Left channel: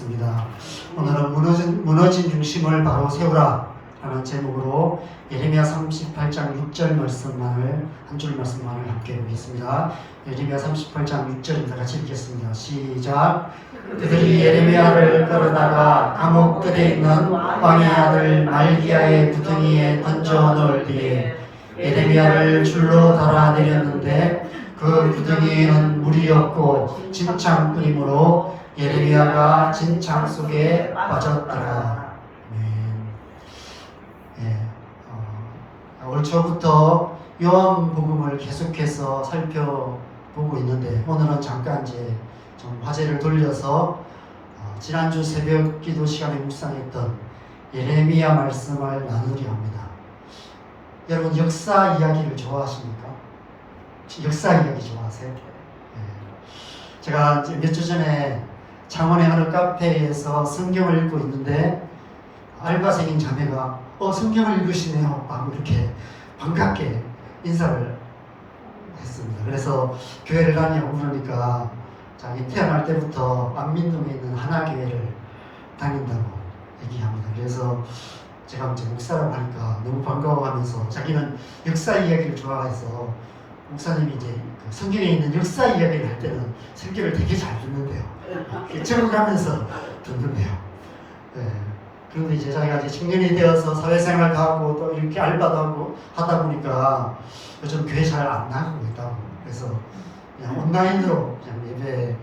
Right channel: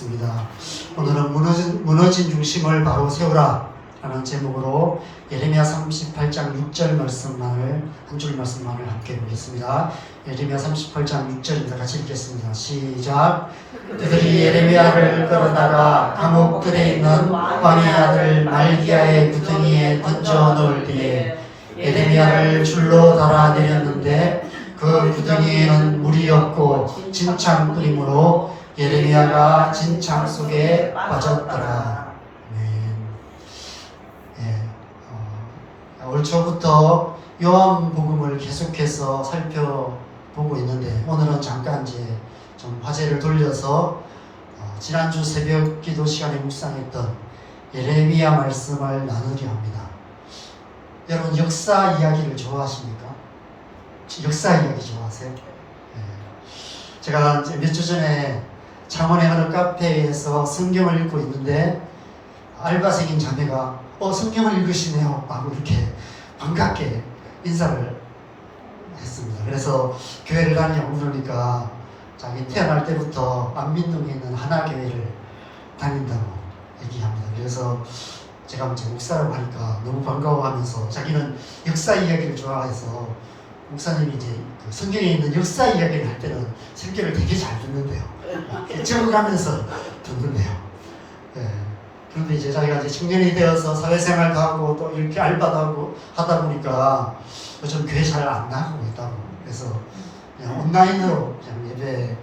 있습니다. 오늘은 무너진 중심을 바로 세우라 라는 제목으로 예레미야 38장 6절 말씀만을 한 줄 말씀만을 함께 보겠습니다. 예레미야 38장 6절입니다. 같이 읽겠습니다. 시작. 그들이 예레미야를 끌어다가 감옥들에 있는 왕의 아들 말기야의 구덩이에 던져 넣을 때에 예레미야를 줄로 달아내렸는데 그 구덩이에는 물이 없고 진창 뿌림으로 예레미야가 진창 속에 빠졌더라. 올 초부터 요한복음을 계속해서 살펴보고 있는데 오늘은 잠깐 이제 좀 화제를 돌려서 지난주 새벽 기도 시간에 묵상했던 예레미야 말씀을 나누려 합니다. 여러분 역사 이야기를 좋아하십니까? 역사 이야기 좋아하세요? 제가 몇 주 전에 창원의 어느 카페에서 성경을 읽고 있는데 알바생인 자매가 성경을 읽으시네요 하고 이렇게 반갑게 인사를 했습니다. 그래서 교회를 다니냐고 물으니까 자기 태어날 때부터 안민동에 있는 하나교회를 다닌다고 얘기합니다. 그래서 제가 이제 목사라고 하니까 너무 반가워하면서 자기는 역사 이야기를 좋아해서 목사님이 이제 그 성경에 있는 역사 이야기를 할 때는 설교를 되게 잘 듣는데요. 적응하면서 듣는데요. 그런데 이제 자기가 이제 청년이 되어서 사회생활도 하고 또 이렇게 알바도 하고 하다 보니까 요즘 교회 잘 안 나가고 있다고. 그래서 그냥 온라인으로 그냥 예배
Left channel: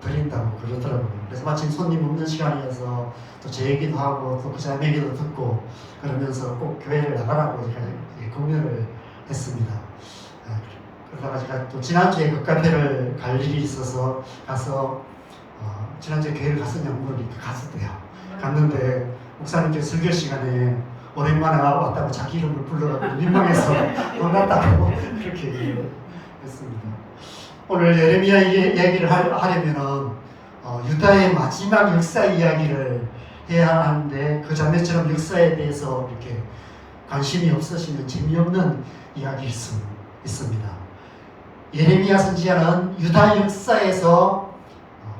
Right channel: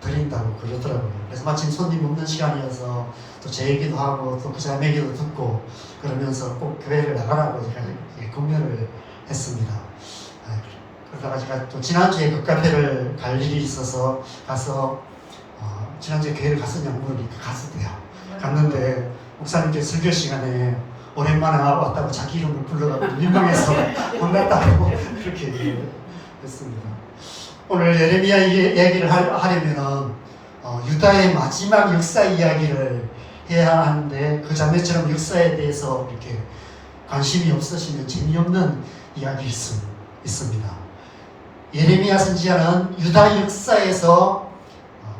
드린다고 그러더라고요. 그래서 마침 손님 없는 시간이어서 또 제 얘기도 하고 또 그 자매 얘기도 듣고 그러면서 꼭 교회를 나가라고 제가 공연을 했습니다. 그러다가 제가 또 지난주에 그 카페를 갈 일이 있어서 가서 지난주에 교회를 갔었냐고 물으니까 갔었대요. 갔는데 목사님께서 설교 시간에 오랜만에 왔다고 자기 이름을 불러가지고 민망해서 못 갔다고 그렇게 얘기를 했습니다. 오늘 예레미야 얘기를 하려면 유다의 마지막 역사 이야기를 해야 하는데 그 자매처럼 역사에 대해서 이렇게 관심이 없으시면 재미없는 이야기일 수 있습니다. 예레미야 선지자는 유다 역사에서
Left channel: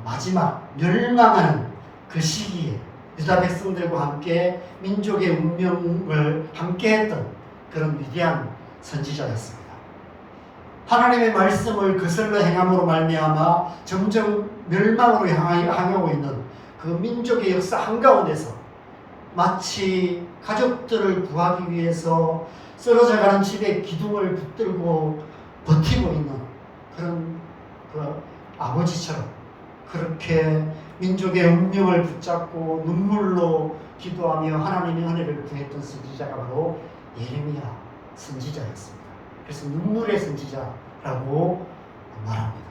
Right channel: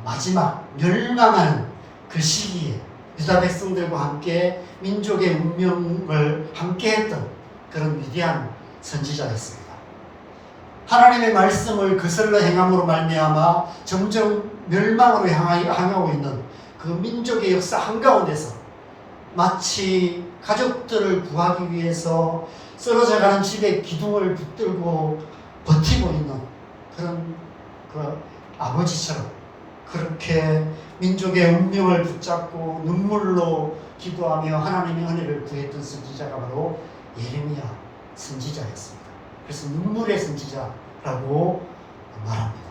마지막 멸망하는 그 시기에 유다 백성들과 함께 민족의 운명을 함께 했던 그런 위대한 선지자였습니다. 하나님의 말씀을 거슬러 행함으로 말미암아 점점 멸망으로 향하고 있는 그 민족의 역사 한가운데서 마치 가족들을 구하기 위해서 쓰러져가는 집의 기둥을 붙들고 버티고 있는 그런 그 아버지처럼 그렇게 민족의 운명을 붙잡고 눈물로 기도하며 하나님의 은혜를 구했던 선지자가 바로 예레미야 선지자였습니다. 그래서 눈물의 선지자라고 말합니다.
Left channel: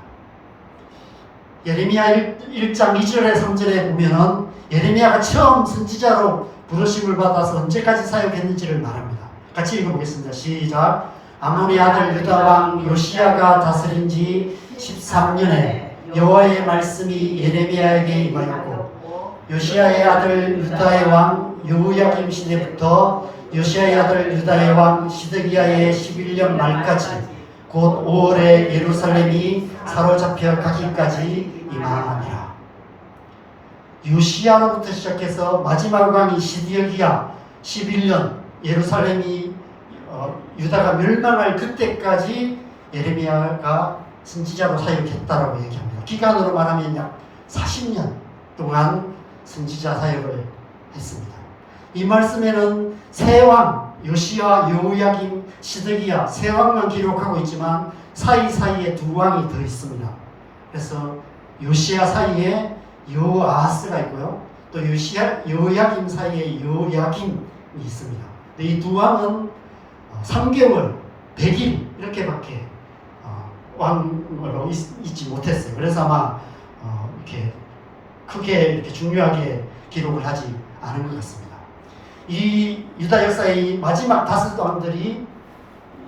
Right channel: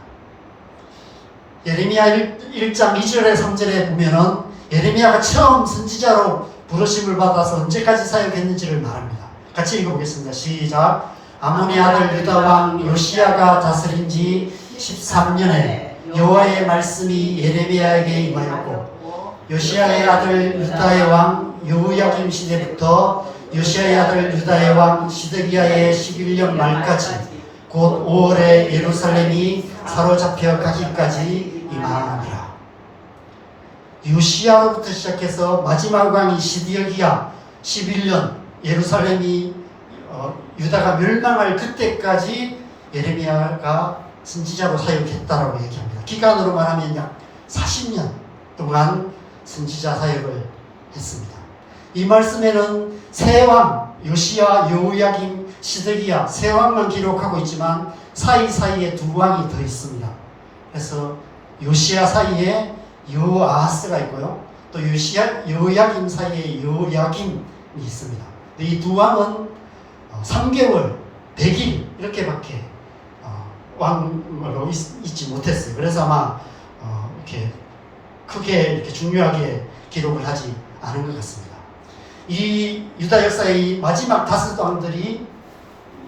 예레미야 1장 2절에 3절에 보면은 예레미야가 처음 선지자로 부르심을 받아서 언제까지 사역했는지를 말합니다. 같이 읽어보겠습니다. 시작. 아몬의 아들 유다 왕 요시야가 다스린 지 13년에 여호와의 말씀이 예레미야에게 임하였고 요시야의 아들 유다의 왕 여호야김 시대부터 요시야의 아들 유다의 왕 시드기야의 11년 말까지 곧 5월에 예루살렘이 사로잡혀 가기까지 임하니라. 요시야로부터 시작해서 마지막 왕이 시드기야 11년 예루살렘이 유다가 멸망할 그때까지 예레미야가 선지자로 사역했다라고 얘기합니다. 기간으로 말하면 약 40년 동안 선지자 사역을 했습니다. 이 말씀에는 세 왕, 요시야, 여호야김, 시드기야 세 왕만 기록하고 있지만 사이사이에 두 왕이 더 있습니다. 그래서 요시야 사이에 여호아하스가 있고요. 또 여호야김 사이에 여호야김이 있습니다. 이 두 왕은 3개월, 100일 이렇게밖에 왕으로 있지 못했어요. 그래서 아마 이렇게 크게 이렇게 중요하게 기록을 하지 않은 것 같습니다. 이 유다 역사의 마지막 5왕들이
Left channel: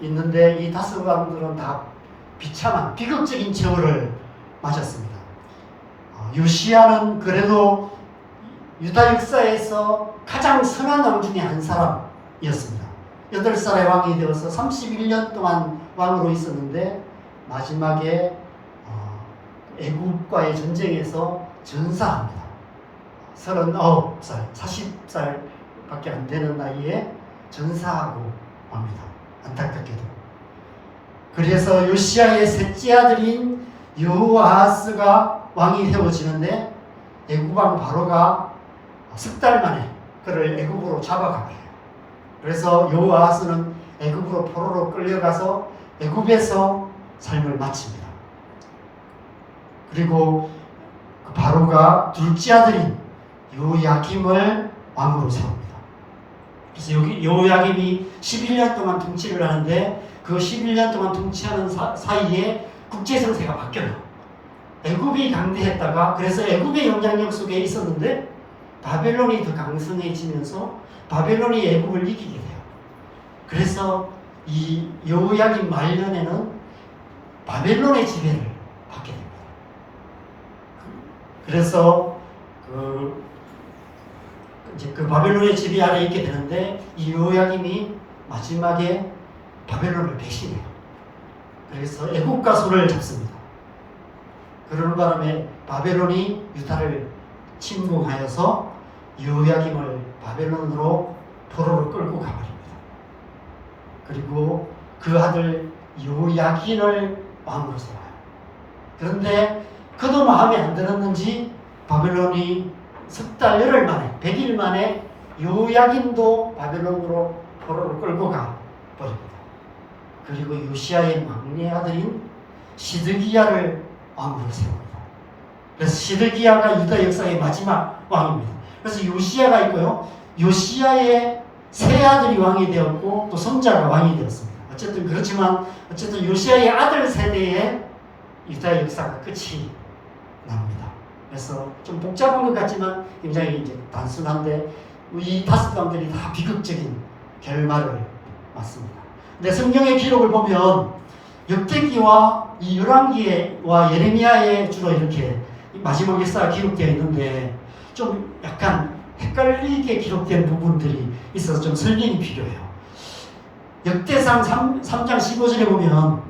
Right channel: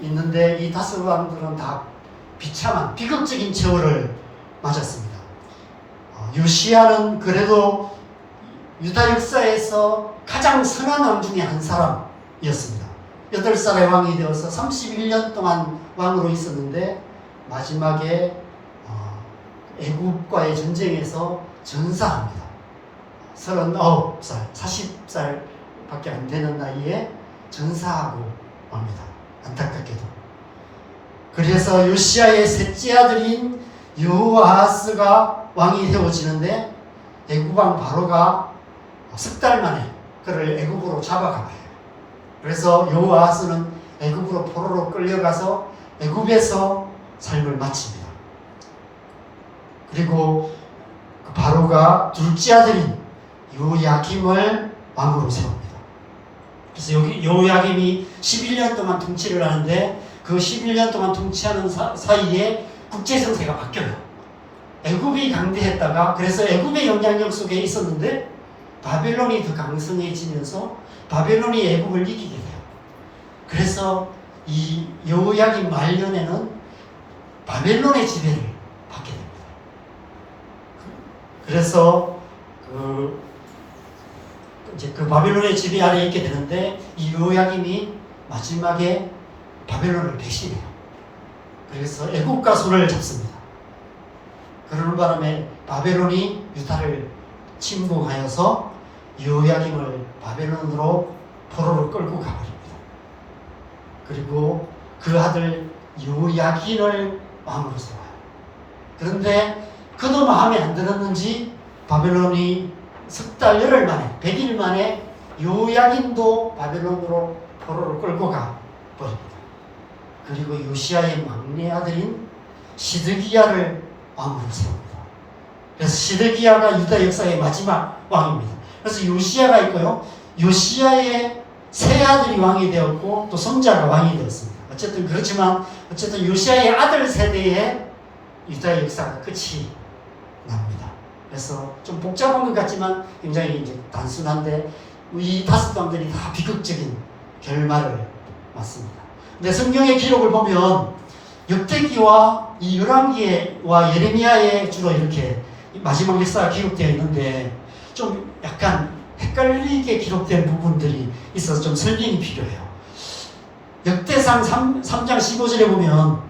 있는데 이 5왕들은 다 비참한 비극적인 최후를 맞았습니다. 요시야는 그래도 유다 역사에서 가장 선한 왕 중에 한 사람이었습니다. 8살의 왕이 되어서 31년 동안 왕으로 있었는데 마지막에 애굽과의 전쟁에서 전사합니다. 39살, 40살밖에 안 되는 나이에 전사하고 맙니다. 안타깝게도. 그래서 요시야의 셋째 아들인 여호아하스가 왕이 되어지는데 애굽왕 바로가 석 달 만에 그를 애굽으로 잡아가요. 그래서 여호아하스는 애굽으로 포로로 끌려가서 애굽에서 삶을 마칩니다. 그리고 바로가 둘째 아들인 요야김을 왕으로 세웁니다. 그래서 여기 요야김이 11년 동안 통치를 하는데 그 11년 동안 통치하는 사이에 국제 정세가 바뀌어요. 애굽이 강대했다가 그래서 애굽의 영향력 속에 있었는데 바벨론이 더 강성해지면서 바벨론이 애굽을 이기게 돼요. 그래서 이 여호야김 말년에는 바벨론의 지배를 받게 됩니다. 그래서 이제 그 바벨론의 지배 아래 있게 되는데 이 여호야김이 마지막에 바벨론을 배신해요. 그래서 애국과 손을 잡습니다. 그러는 바람에 바벨론이 유다를 침공하여서 여호야김을 바벨론으로 포로로 끌고 가버립니다. 그리고 그 아들 여호야긴을 왕으로 세워요. 그런데 그도 마음에 안 들었는지 바벨론이 석 달 열흘 만에 100일 만에 여호야긴도 바벨론으로 포로를 끌고 가 버립니다. 그리고 요시야의 막내 아들인 시드기야를 왕으로 세웁니다. 그래서 시드기야가 유다 역사의 마지막 왕입니다. 그래서 요시야가 있고요. 요시야의 세 아들이 왕이 되었고 또 손자가 왕이 되었습니다. 어쨌든 그렇지만 어쨌든 요시야의 아들 세대의 유다 역사가 끝이 납니다. 그래서 좀 복잡한 것 같지만 굉장히 이제 단순한데 이 다섯 사람들이 다 비극적인 결말을 맞습니다. 근데 성경의 기록을 보면 역대기와 이 열왕기와 예레미야에 주로 이렇게 마지막 역사가 기록되어 있는데 좀 약간 헷갈리게 기록된 부분들이 있어서 좀 설명이 필요해요. 역대상 3장 15절에 보면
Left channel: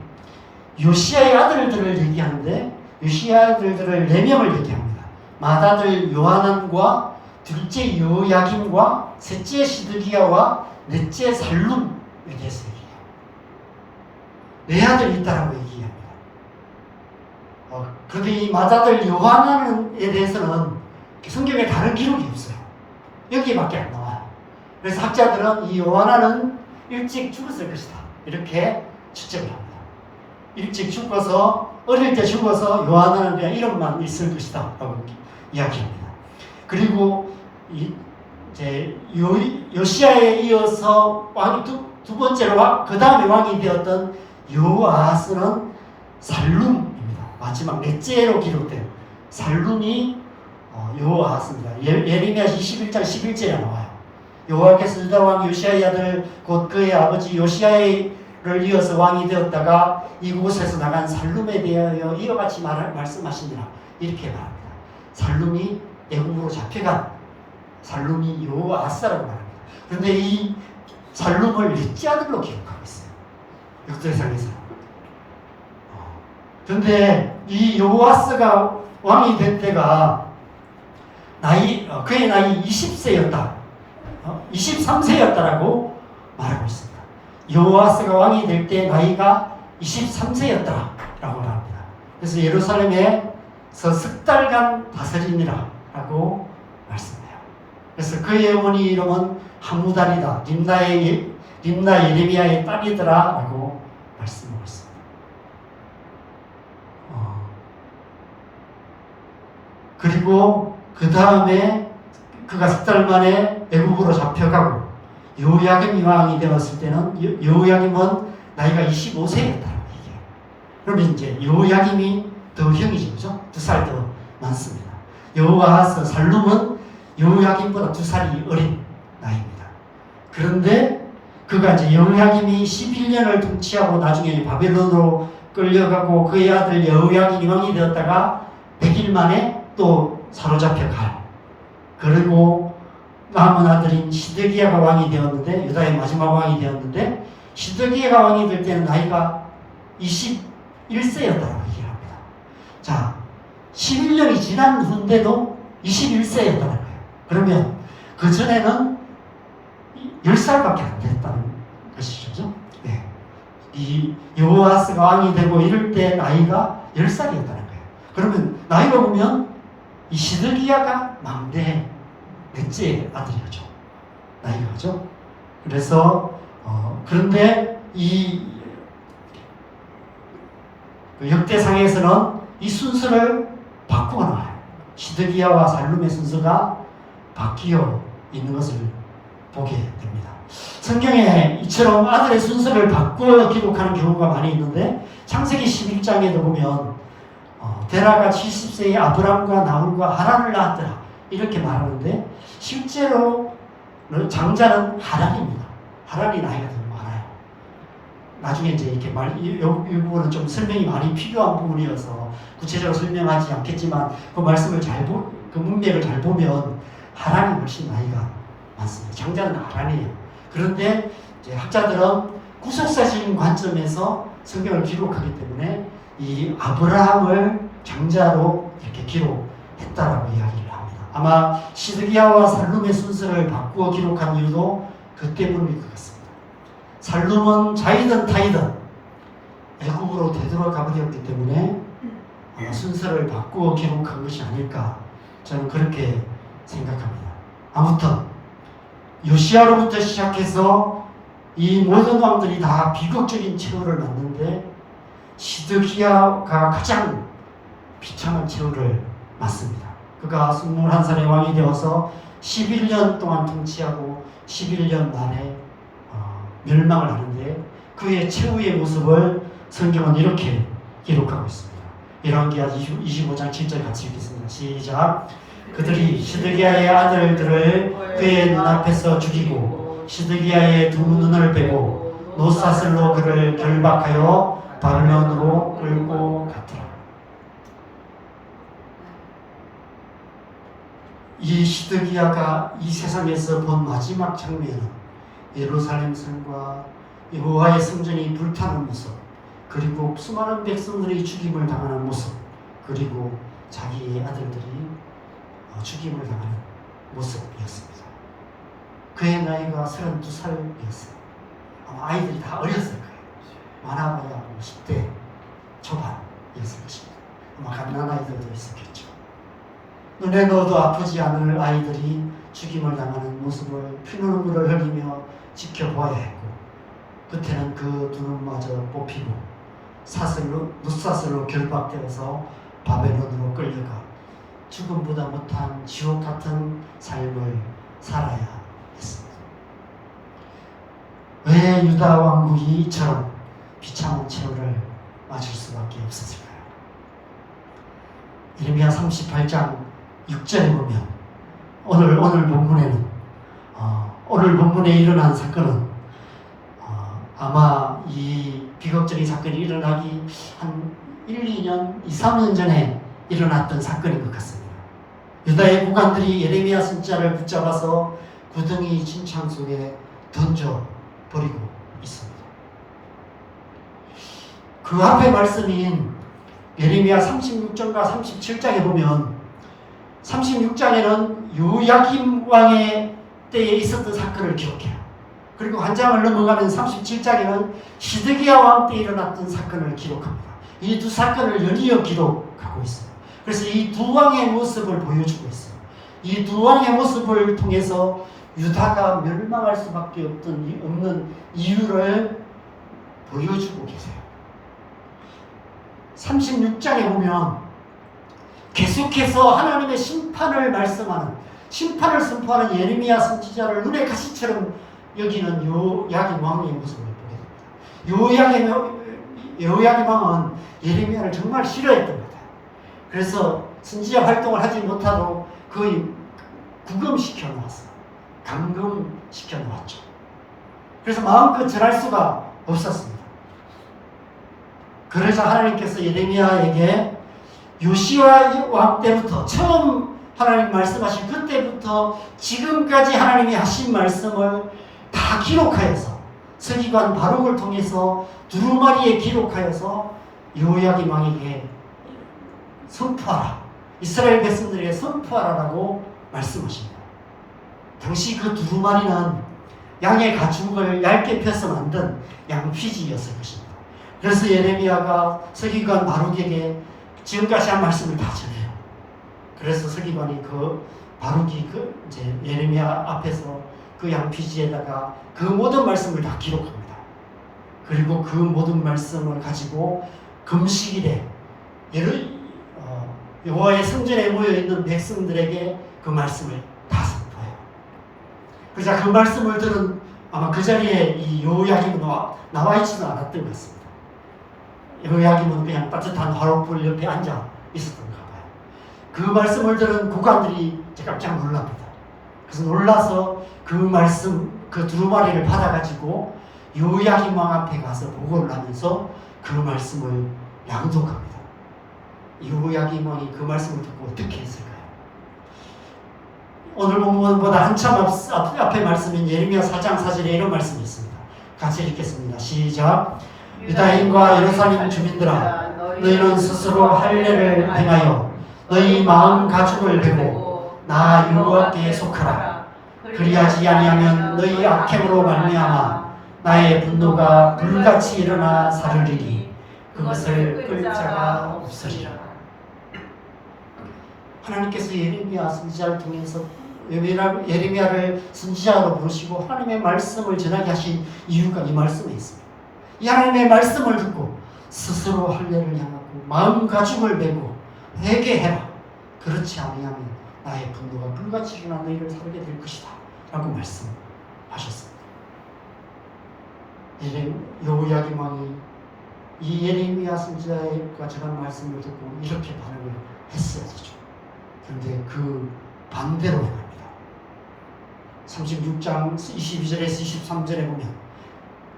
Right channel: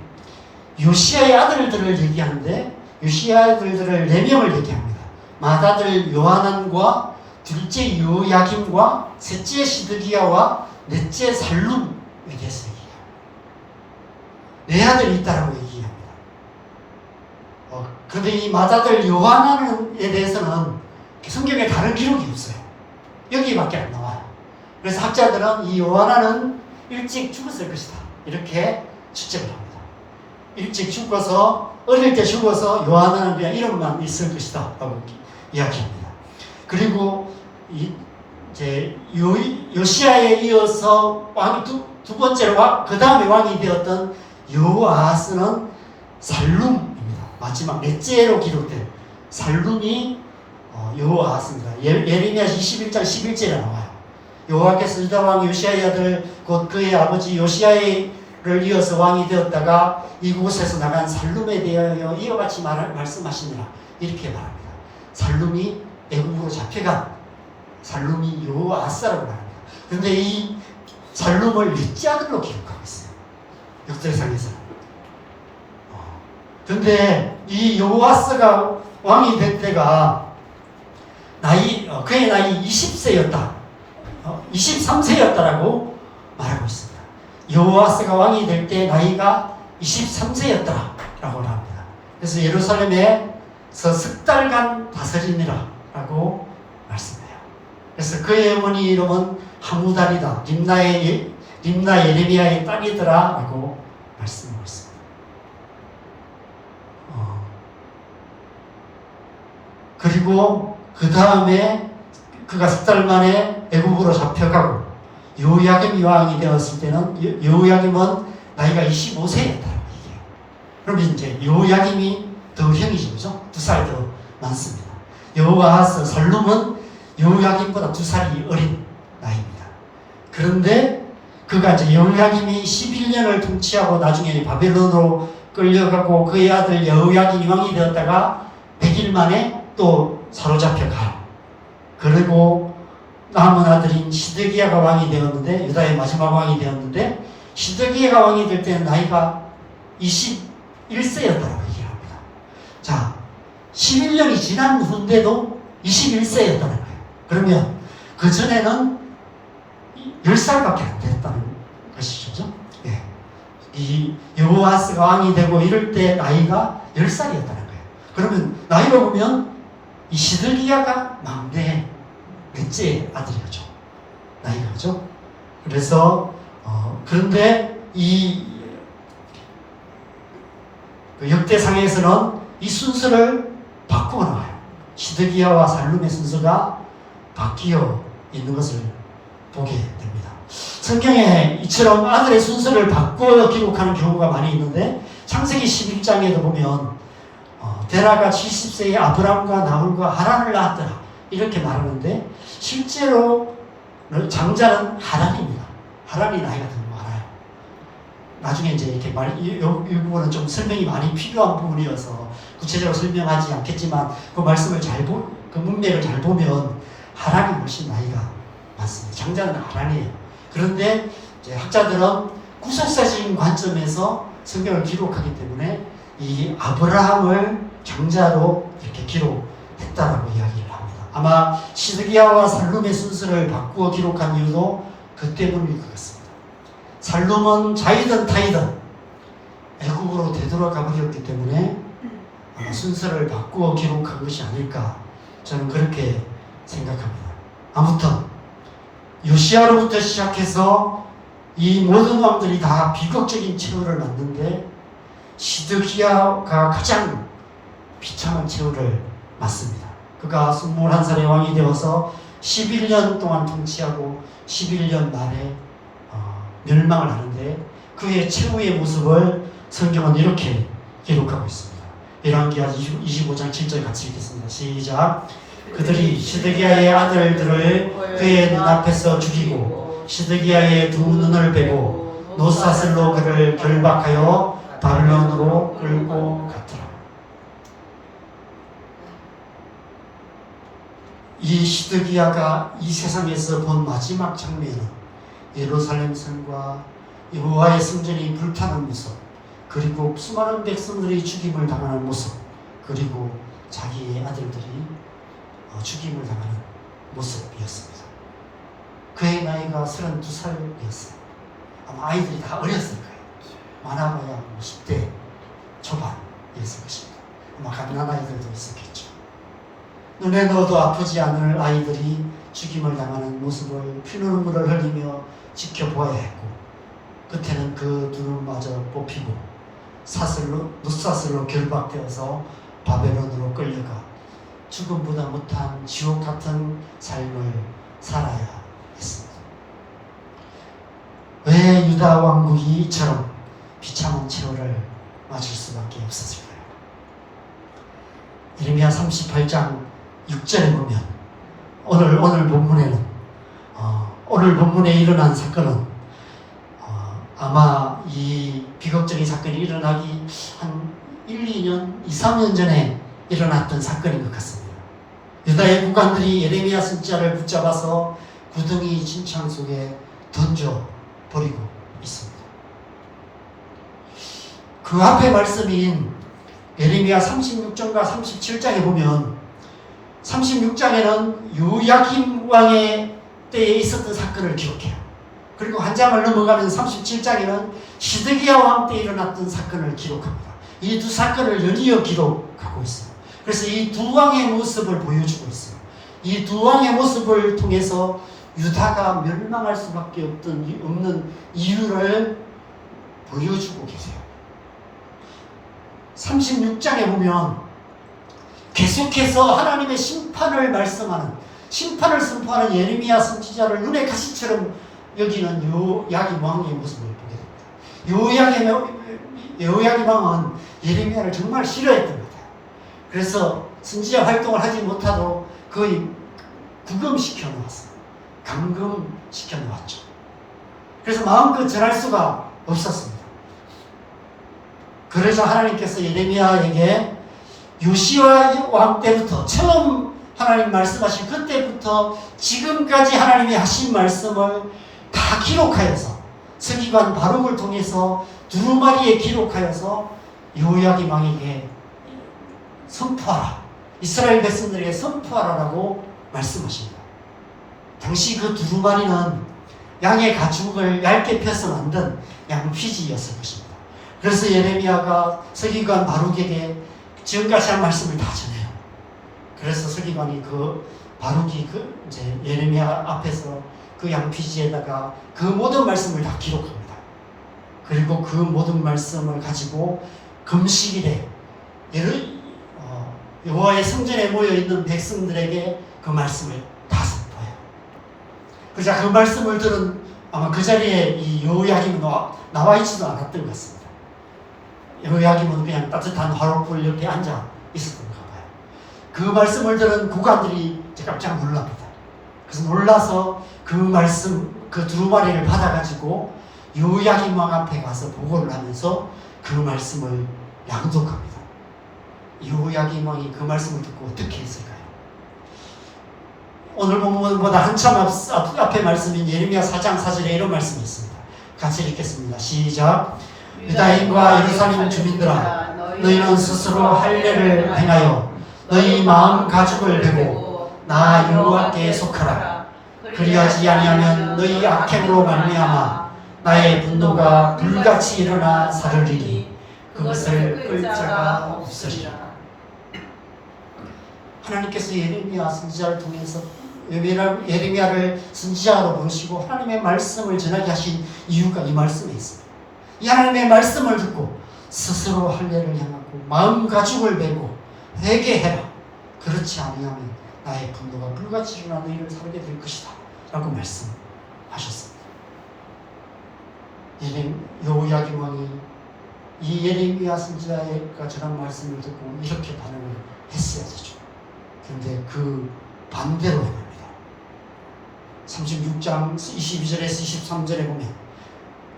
요시야의 아들들을 얘기하는데 요시야의 아들들을 4명을 얘기합니다. 맏아들 요하난과 둘째 요야김과 셋째 시드기야와 넷째 살룸에 대해서 얘기해요. 4아들이 있다라고 얘기합니다. 그런데 이 맏아들 요하난에 대해서는 성경에 다른 기록이 없어요. 여기밖에 안 나와요. 그래서 학자들은 이 요하난은 일찍 죽었을 것이다 이렇게 추측을 합니다. 일찍 죽어서 어릴 때 죽어서 요하난은 그냥 이름만 있을 것이다 라고 이야기합니다. 그리고 이제 요시야에 이어서 왕이 두 번째로 그 다음에 왕이 되었던 여호아하스는 살룸입니다. 마지막 넷째로 기록된 살룸이 여호아하스입니다. 예레미야 21장 11절에 나와요. 여호와께서 유다 왕 요시야의 아들 곧 그의 아버지 요시야를 이어서 왕이 되었다가 이곳에서 나간 살룸에 대하여 이와 같이 말씀하시니라 이렇게 말합니다. 살룸이 애굽으로 잡혀간 살룸이 여호아하스라고 말합니다. 그런데 이 살룸을 넷째 아들로 기록하고 있어요. 역사상에서는. 그런데 이 여호아스가 왕이 될 때가 그의 나이 20세였다. 23세였다라고 말하고 있습니다. 여호아스가 왕이 될 때 나이가 23세였다라고 합니다. 그래서 예루살렘에서 석 달간 다스리니라라고 말씀해요. 그래서 그의 어머니 이름은 하무달이다. 림나 예레미야의 딸이더라라고 말씀하고 있습니다. 그리고 그 다음에 그가 석 달 만에 애굽으로 잡혀가고 여호야김이 왕이 되었을 때는 여호야김은 나이가 25세였다라고 얘기해요. 그러면 이제 여호야김이 더 형이죠, 그죠? 2살 더 많습니다. 여호아하스 살룸은 여호야김보다 2살이 어린 나이입니다. 그런데 그가 이제 여호야김이 11년을 통치하고 나중에 바벨론으로 끌려가고 그의 아들 여호야김이 왕이 되었다가 100일 만에 또 사로잡혀 가요. 그리고 남은 아들인 시드기야가 왕이 되었는데 유다의 마지막 왕이 되었는데 시드기야가 왕이 될 때는 나이가 21세였다라고 얘기합니다. 자, 11년이 지난 후인데도 21세였다는 거예요. 그러면 그 전에는 10살밖에 안 됐다는 것이죠. 예. 이 여호아스가 왕이 되고 이럴 때 나이가 10살이었다는 거예요. 그러면 나이로 보면 이 시드기야가 막내 넷째 아들이죠. 나이가 그죠? 그래서 그런데 이 역대상에서는 이 순서를 바꾸어 나와요. 시드기야와 살룸의 순서가 바뀌어 있는 것을 보게 됩니다. 성경에 이처럼 아들의 순서를 바꾸어 기록하는 경우가 많이 있는데 창세기 11장에도 보면 데라가 70세에 아브람과 나홀과 하란을 낳았더라 이렇게 말하는데 실제로 장자는 하란입니다. 하란이 나이가 더 많아요. 나중에 이제 이렇게 이 부분은 좀 설명이 많이 필요한 부분이어서 구체적으로 설명하지 않겠지만 그 말씀을 그 문맥을 잘 보면 하란이 훨씬 나이가 많습니다. 장자는 하란이에요. 그런데 이제 학자들은 구속사적인 관점에서 성경을 기록하기 때문에 이 아브라함을 장자로 이렇게 기록했다라고 이야기를 합니다. 아마 시드기야와 살룸의 순서를 바꾸어 기록한 이유도 그 때문일 것 같습니다. 살룸은 자이든 타이든 애국으로 되돌아가 버렸기 때문에 아마 순서를 바꾸어 기록한 것이 아닐까 저는 그렇게 생각합니다. 아무튼 요시야로부터 시작해서 이 모든 왕들이 다 비극적인 최후를 맞는데 시드기야가 가장 비참한 최후를 맞습니다. 그가 21살의 왕이 되어서 11년 동안 통치하고 11년 만에 멸망을 하는데 그의 최후의 모습을 성경은 이렇게 기록하고 있습니다. 열왕기하 25장 7절 같이 읽겠습니다. 시작. 그들이 시드기야의 아들들을 그의 눈앞에서 죽이고 시드기야의 두 눈을 빼고 노사슬로 그를 결박하여 바벨론으로 끌고 갔더라. 이 시드기야가 이 세상에서 본 마지막 장면은 예루살렘 성과 여호와의 성전이 불타는 모습, 그리고 수많은 백성들이 죽임을 당하는 모습, 그리고 자기의 아들들이 죽임을 당하는 모습이었습니다. 그의 나이가 32살이었어요. 아마 아이들이 다 어렸을 거예요. 많아봐야 10대 초반이었을 것입니다. 아마 갓난아이들도 있었겠죠. 눈에 넣어도 아프지 않을 아이들이 죽임을 당하는 모습을 피눈물을 흘리며 지켜보아야 했고 끝에는 그 두 눈마저 뽑히고 눕사슬로 결박되어서 바벨론으로 끌려가 죽음보다 못한 지옥 같은 삶을 살아야 했습니다. 왜 유다 왕국이 이처럼 비참한 최후를 맞을 수밖에 없었을까요? 예레미야 38장 6절에 보면 오늘 본문에는 오늘 본문에 일어난 사건은 아마 이 비극적인 사건이 일어나기 한 1, 2년, 2, 3년 전에 일어났던 사건인 것 같습니다. 유다의 국왕들이 예레미야 선지자를 붙잡아서 구덩이 진창 속에 던져버리고 있습니다. 그 앞에 말씀인 예레미야 36장과 37장에 보면 36장에는 요야김 왕의 때에 있었던 사건을 기록해요. 그리고 한 장을 넘어가면 37장에는 시드기야 왕 때 일어났던 사건을 기록합니다. 이 두 사건을 연이어 기록하고 있어요. 그래서 이 두 왕의 모습을 보여주고 있어요. 이 두 왕의 모습을 통해서 유다가 멸망할 수밖에 없는 이유를 보여주고 계세요. 36장에 보면 계속해서 하나님의 심판을 말씀하는, 심판을 선포하는 예레미야 선지자를 눈의 가시처럼 여기는 요야김 왕의 모습을 보게 됩니다. 요야김 왕은 예레미야를 정말 싫어했던 것 같아요. 그래서 선지자 활동을 하지 못하도록 거의 구금시켜 놓았어요. 감금시켜 놓았죠. 그래서 마음껏 전할 수가 없었습니다. 그래서 하나님께서 예레미야에게 요시야 왕 때부터 처음 하나님 말씀하신 그때부터 지금까지 하나님이 하신 말씀을 다 기록하여서 서기관 바룩을 통해서 두루마리에 기록하여서 요야김 왕에게 선포하라, 이스라엘 백성들에게 선포하라라고 말씀하십니다. 당시 그 두루마리는 양의 가축을 얇게 펴서 만든 양피지였을 것입니다. 그래서 예레미야가 서기관 바룩에게 지금까지 한 말씀을 다 전해요. 그래서 서기관이 바룩이 이제 예레미야 앞에서 그 양피지에다가 그 모든 말씀을 다 기록합니다. 그리고 그 모든 말씀을 가지고 금식일에 여호와의 성전에 모여 있는 백성들에게 그 말씀을 다 선포해요. 그러자 그 말씀을 들은 아마 그 자리에 이 여호야김은 나와 있지도 않았던 것 같습니다. 여호야김은 그냥 따뜻한 화롯불 옆에 앉아 있었던 것 같아요. 그 말씀을 들은 국관들이 깜짝 놀랍니다. 그래서 놀라서 그 말씀, 그 두루마리를 받아가지고 여호야김 왕 앞에 가서 보고를 하면서 그 말씀을 양독합니다. 여호야김 왕이 그 말씀을 듣고 어떻게 했을까요? 오늘 본문보다 한참 앞에 말씀인 예레미야 4장 4절에 이런 말씀이 있습니다. 같이 읽겠습니다. 시작. 유다인과 예루살렘 주민들아, 너희는 스스로 할례를 행하여 너희 마음 가죽을 베고 나 여호와께 속하라. 그리하지 아니하면 너희 악행으로 말미암아 나의 분노가 불같이 일어나 사르리니 그것을 끌 자가 없으리라. 하나님께서 예레미야 선지자를 통해서 예레미야를 선지자로 부르시고 하나님의 말씀을 전하게 하신 이유가 이 말씀에 있습니다. 이 하나님의 말씀을 듣고 스스로 할례를 향하고 마음 가죽을 베고 회개해라. 그렇지 아니하면 나의 분노가 불같이 일어나 너희를 살게 될 것이다 라고 말씀하셨습니다. 여호야김 왕이 이 예레미야 선지자가 전한 말씀을 듣고 이렇게 반응을 했어야 되죠. 그런데 그 반대로 합니다. 36장 22절에서 23절에 보면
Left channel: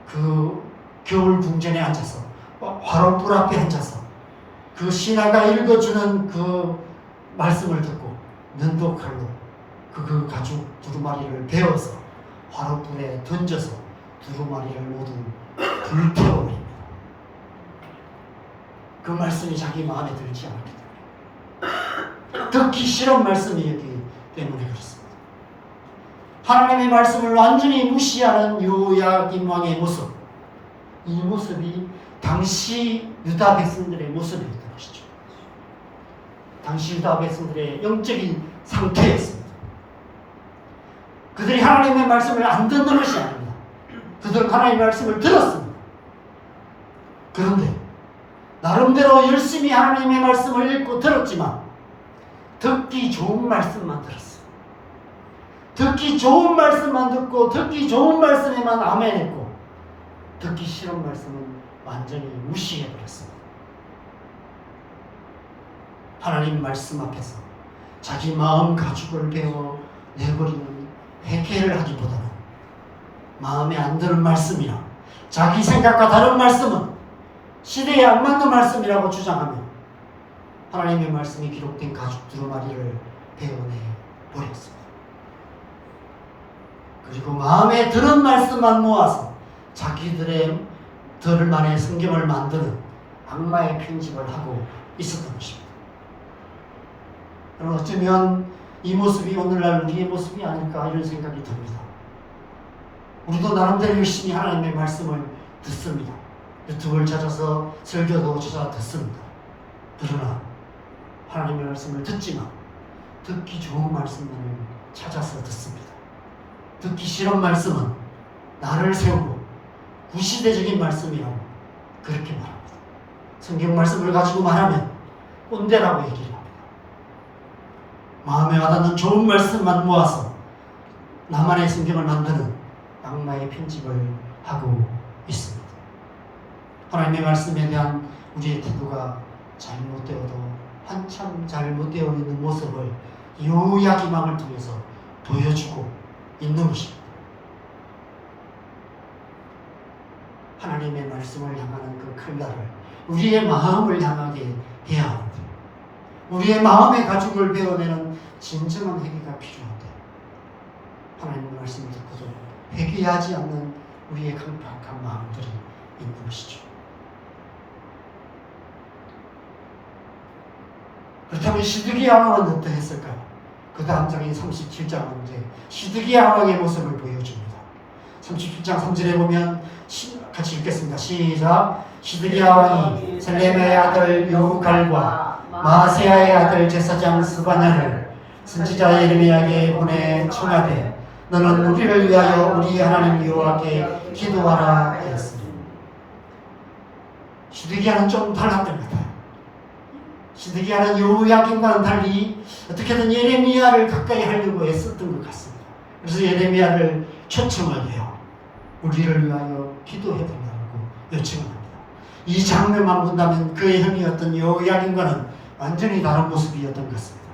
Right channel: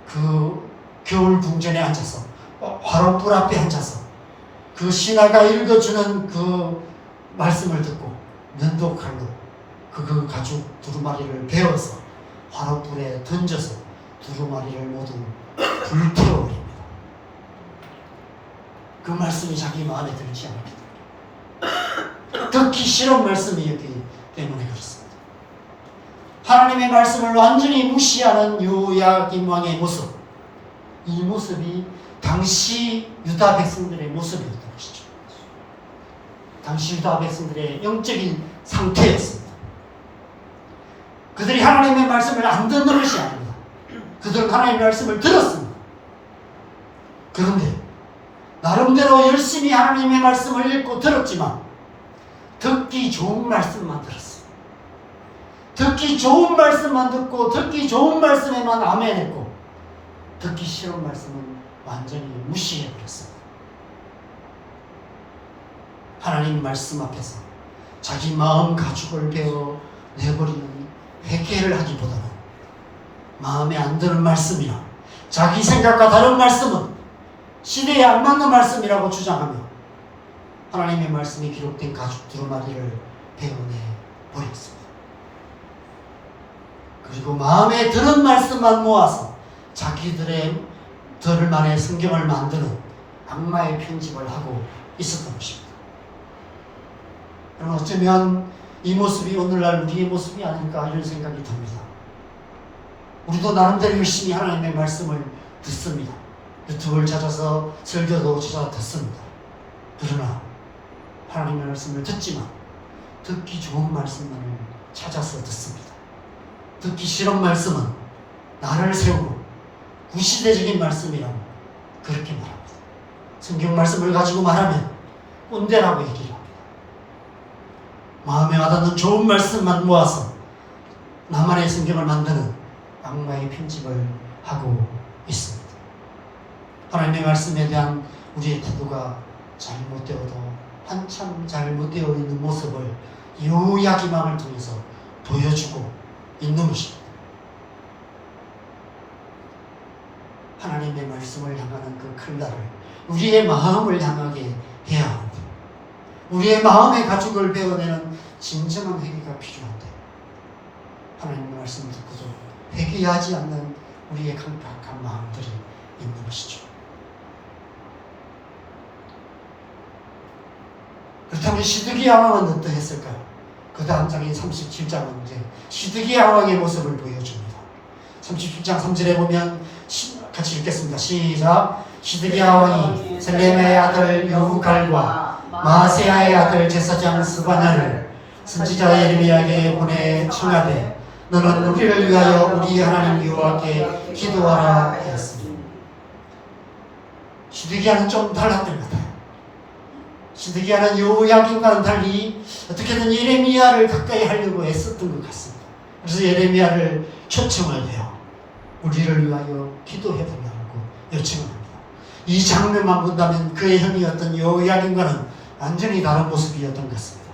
그 겨울 궁전에 앉아서 화롯불 앞에 앉아서 그 신하가 읽어주는 그 말씀을 듣고 면도칼로 그 가죽 두루마리를 베어서 화롯불에 던져서 두루마리를 모두 불태워버립니다. 그 말씀이 자기 마음에 들지 않습니다. 듣기 싫은 말씀이었기 때문에 그렇습니다. 하나님의 말씀을 완전히 무시하는 여호야김 왕의 모습, 이 모습이 당시 유다 백성들의 모습이었던 것이죠. 당시 유다 백성들의 영적인 상태였습니다. 그들이 하나님의 말씀을 안 듣는 것이 아닙니다. 그들은 하나님의 말씀을 들었습니다. 그런데 나름대로 열심히 하나님의 말씀을 읽고 들었지만 듣기 좋은 말씀만 들었습니다. 듣기 좋은 말씀만 듣고 듣기 좋은 말씀에만 아멘했고 듣기 싫은 말씀은 완전히 무시해버렸습니다. 하나님 말씀 앞에서 자기 마음 가죽을 베어 내버리는 회개를 하기보다는 마음에 안 드는 말씀이나 자기 생각과 다른 말씀은 시대에 안 맞는 말씀이라고 주장하며 하나님의 말씀이 기록된 가죽 두루마리를 베어내 버렸습니다. 그리고 마음에 드는 말씀만 모아서 자기들만의 성경을 만드는 악마의 편집을 하고 있었던 것입니다. 여러분, 어쩌면 이 모습이 오늘날 우리의 모습이 아닐까 이런 생각이 듭니다. 우리도 나름대로 열심히 하나님의 말씀을 듣습니다. 유튜브를 찾아서 설교도 찾아 듣습니다. 그러나 하나님의 말씀을 듣지만 듣기 좋은 말씀만을 찾아서 듣습니다. 듣기 싫은 말씀은 나를 세우고 구시대적인 말씀이라고 그렇게 말합니다. 성경 말씀을 가지고 말하면 꼰대라고 얘기를 합니다. 마음에 와닿는 좋은 말씀만 모아서 나만의 성경을 만드는 악마의 편집을 하고 있습니다. 하나님의 말씀에 대한 우리의 태도가 잘못되어도 한참 잘못되어 있는 모습을 여호야김 왕을 통해서 보여주고 있는 것입니다. 하나님의 말씀을 향하는 그 칼날을 우리의 마음을 향하게 해야 하는데 우리의 마음의 가죽을 베어내는 진정한 회개가 필요한데 하나님의 말씀을 듣고도 회개하지 않는 우리의 강팍한 마음들이 있는 것이죠. 그렇다면 시드기야 왕은 어떠했을까? 그도 다음 장인 37장은 이제 시드기야 왕의 모습을 보여줍니다. 37장 3절에 보면 같이 읽겠습니다. 시작. 시드기야 왕이 셀렘의 아들 여후갈과 마세야의 아들 제사장 스바냐를 선지자 예레미야에게 보내 청하되 너는 우리를 위하여 우리 하나님 여호와께 기도하라 하였으니. 시드기야는 좀 달랐던 것 같아요. 시드기야는 여호야김과는 달리 어떻게든 예레미야를 가까이 하려고 애썼던 것 같습니다. 그래서 예레미야를 초청을 해요. 우리를 위하여 기도해달라고 요청합니다. 이 장면만 본다면 그의 형이었던 여호야김과는 완전히 다른 모습이었던 것 같습니다.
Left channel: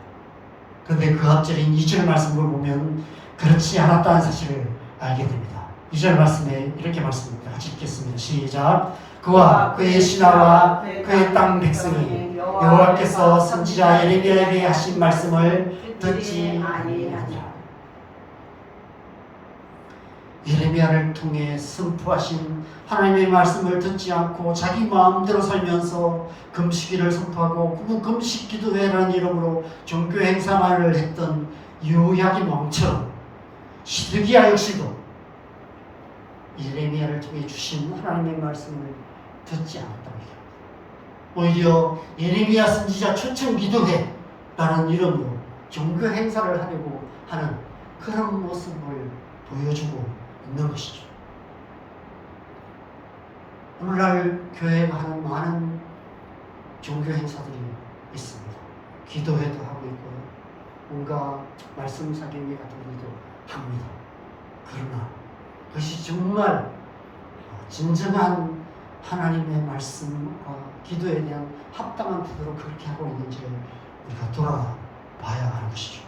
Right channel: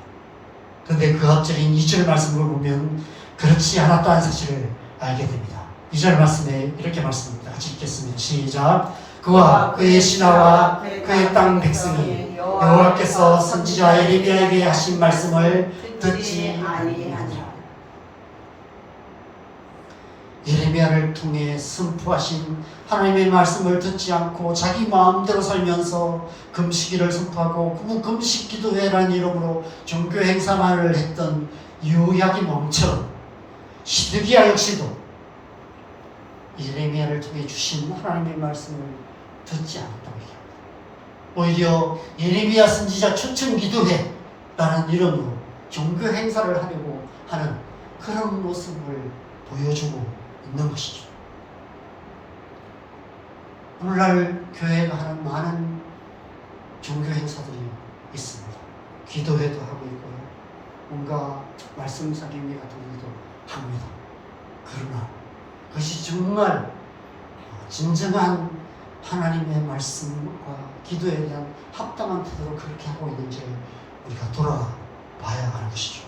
그런데 그 앞절인 2절 말씀을 보면 그렇지 않았다는 사실을 알게 됩니다. 2절 말씀에 이렇게 말씀합니다. 같이 읽겠습니다. 시작. 그와 그의 신하와 그의 땅 백성이 여호와께서 선지자 예레미야에게 하신 말씀을 듣지 아니하니라. 예레미야를 통해 선포하신 하나님의 말씀을 듣지 않고 자기 마음대로 살면서 금식일을 선포하고 그 금식 기도회라는 이름으로 종교 행사만을 했던 여호야김 왕처럼 시드기야 역시도 예레미야를 통해 주신 하나님의 말씀을 듣지 않았다고 얘기합니다. 오히려 예레미야 선지자 초청 기도회라는 이름으로 종교 행사를 하려고 하는 그런 모습을 보여주고 있는 것이죠. 오늘날 교회가 하는 많은 종교 행사들이 있습니다. 기도회도 하고 있고요. 뭔가 말씀 사경회 같은 일도 합니다. 그러나 그것이 정말 진정한 하나님의 말씀과 기도에 대한 합당한 태도로 그렇게 하고 있는지를 우리가 돌아봐야 하는 것이죠.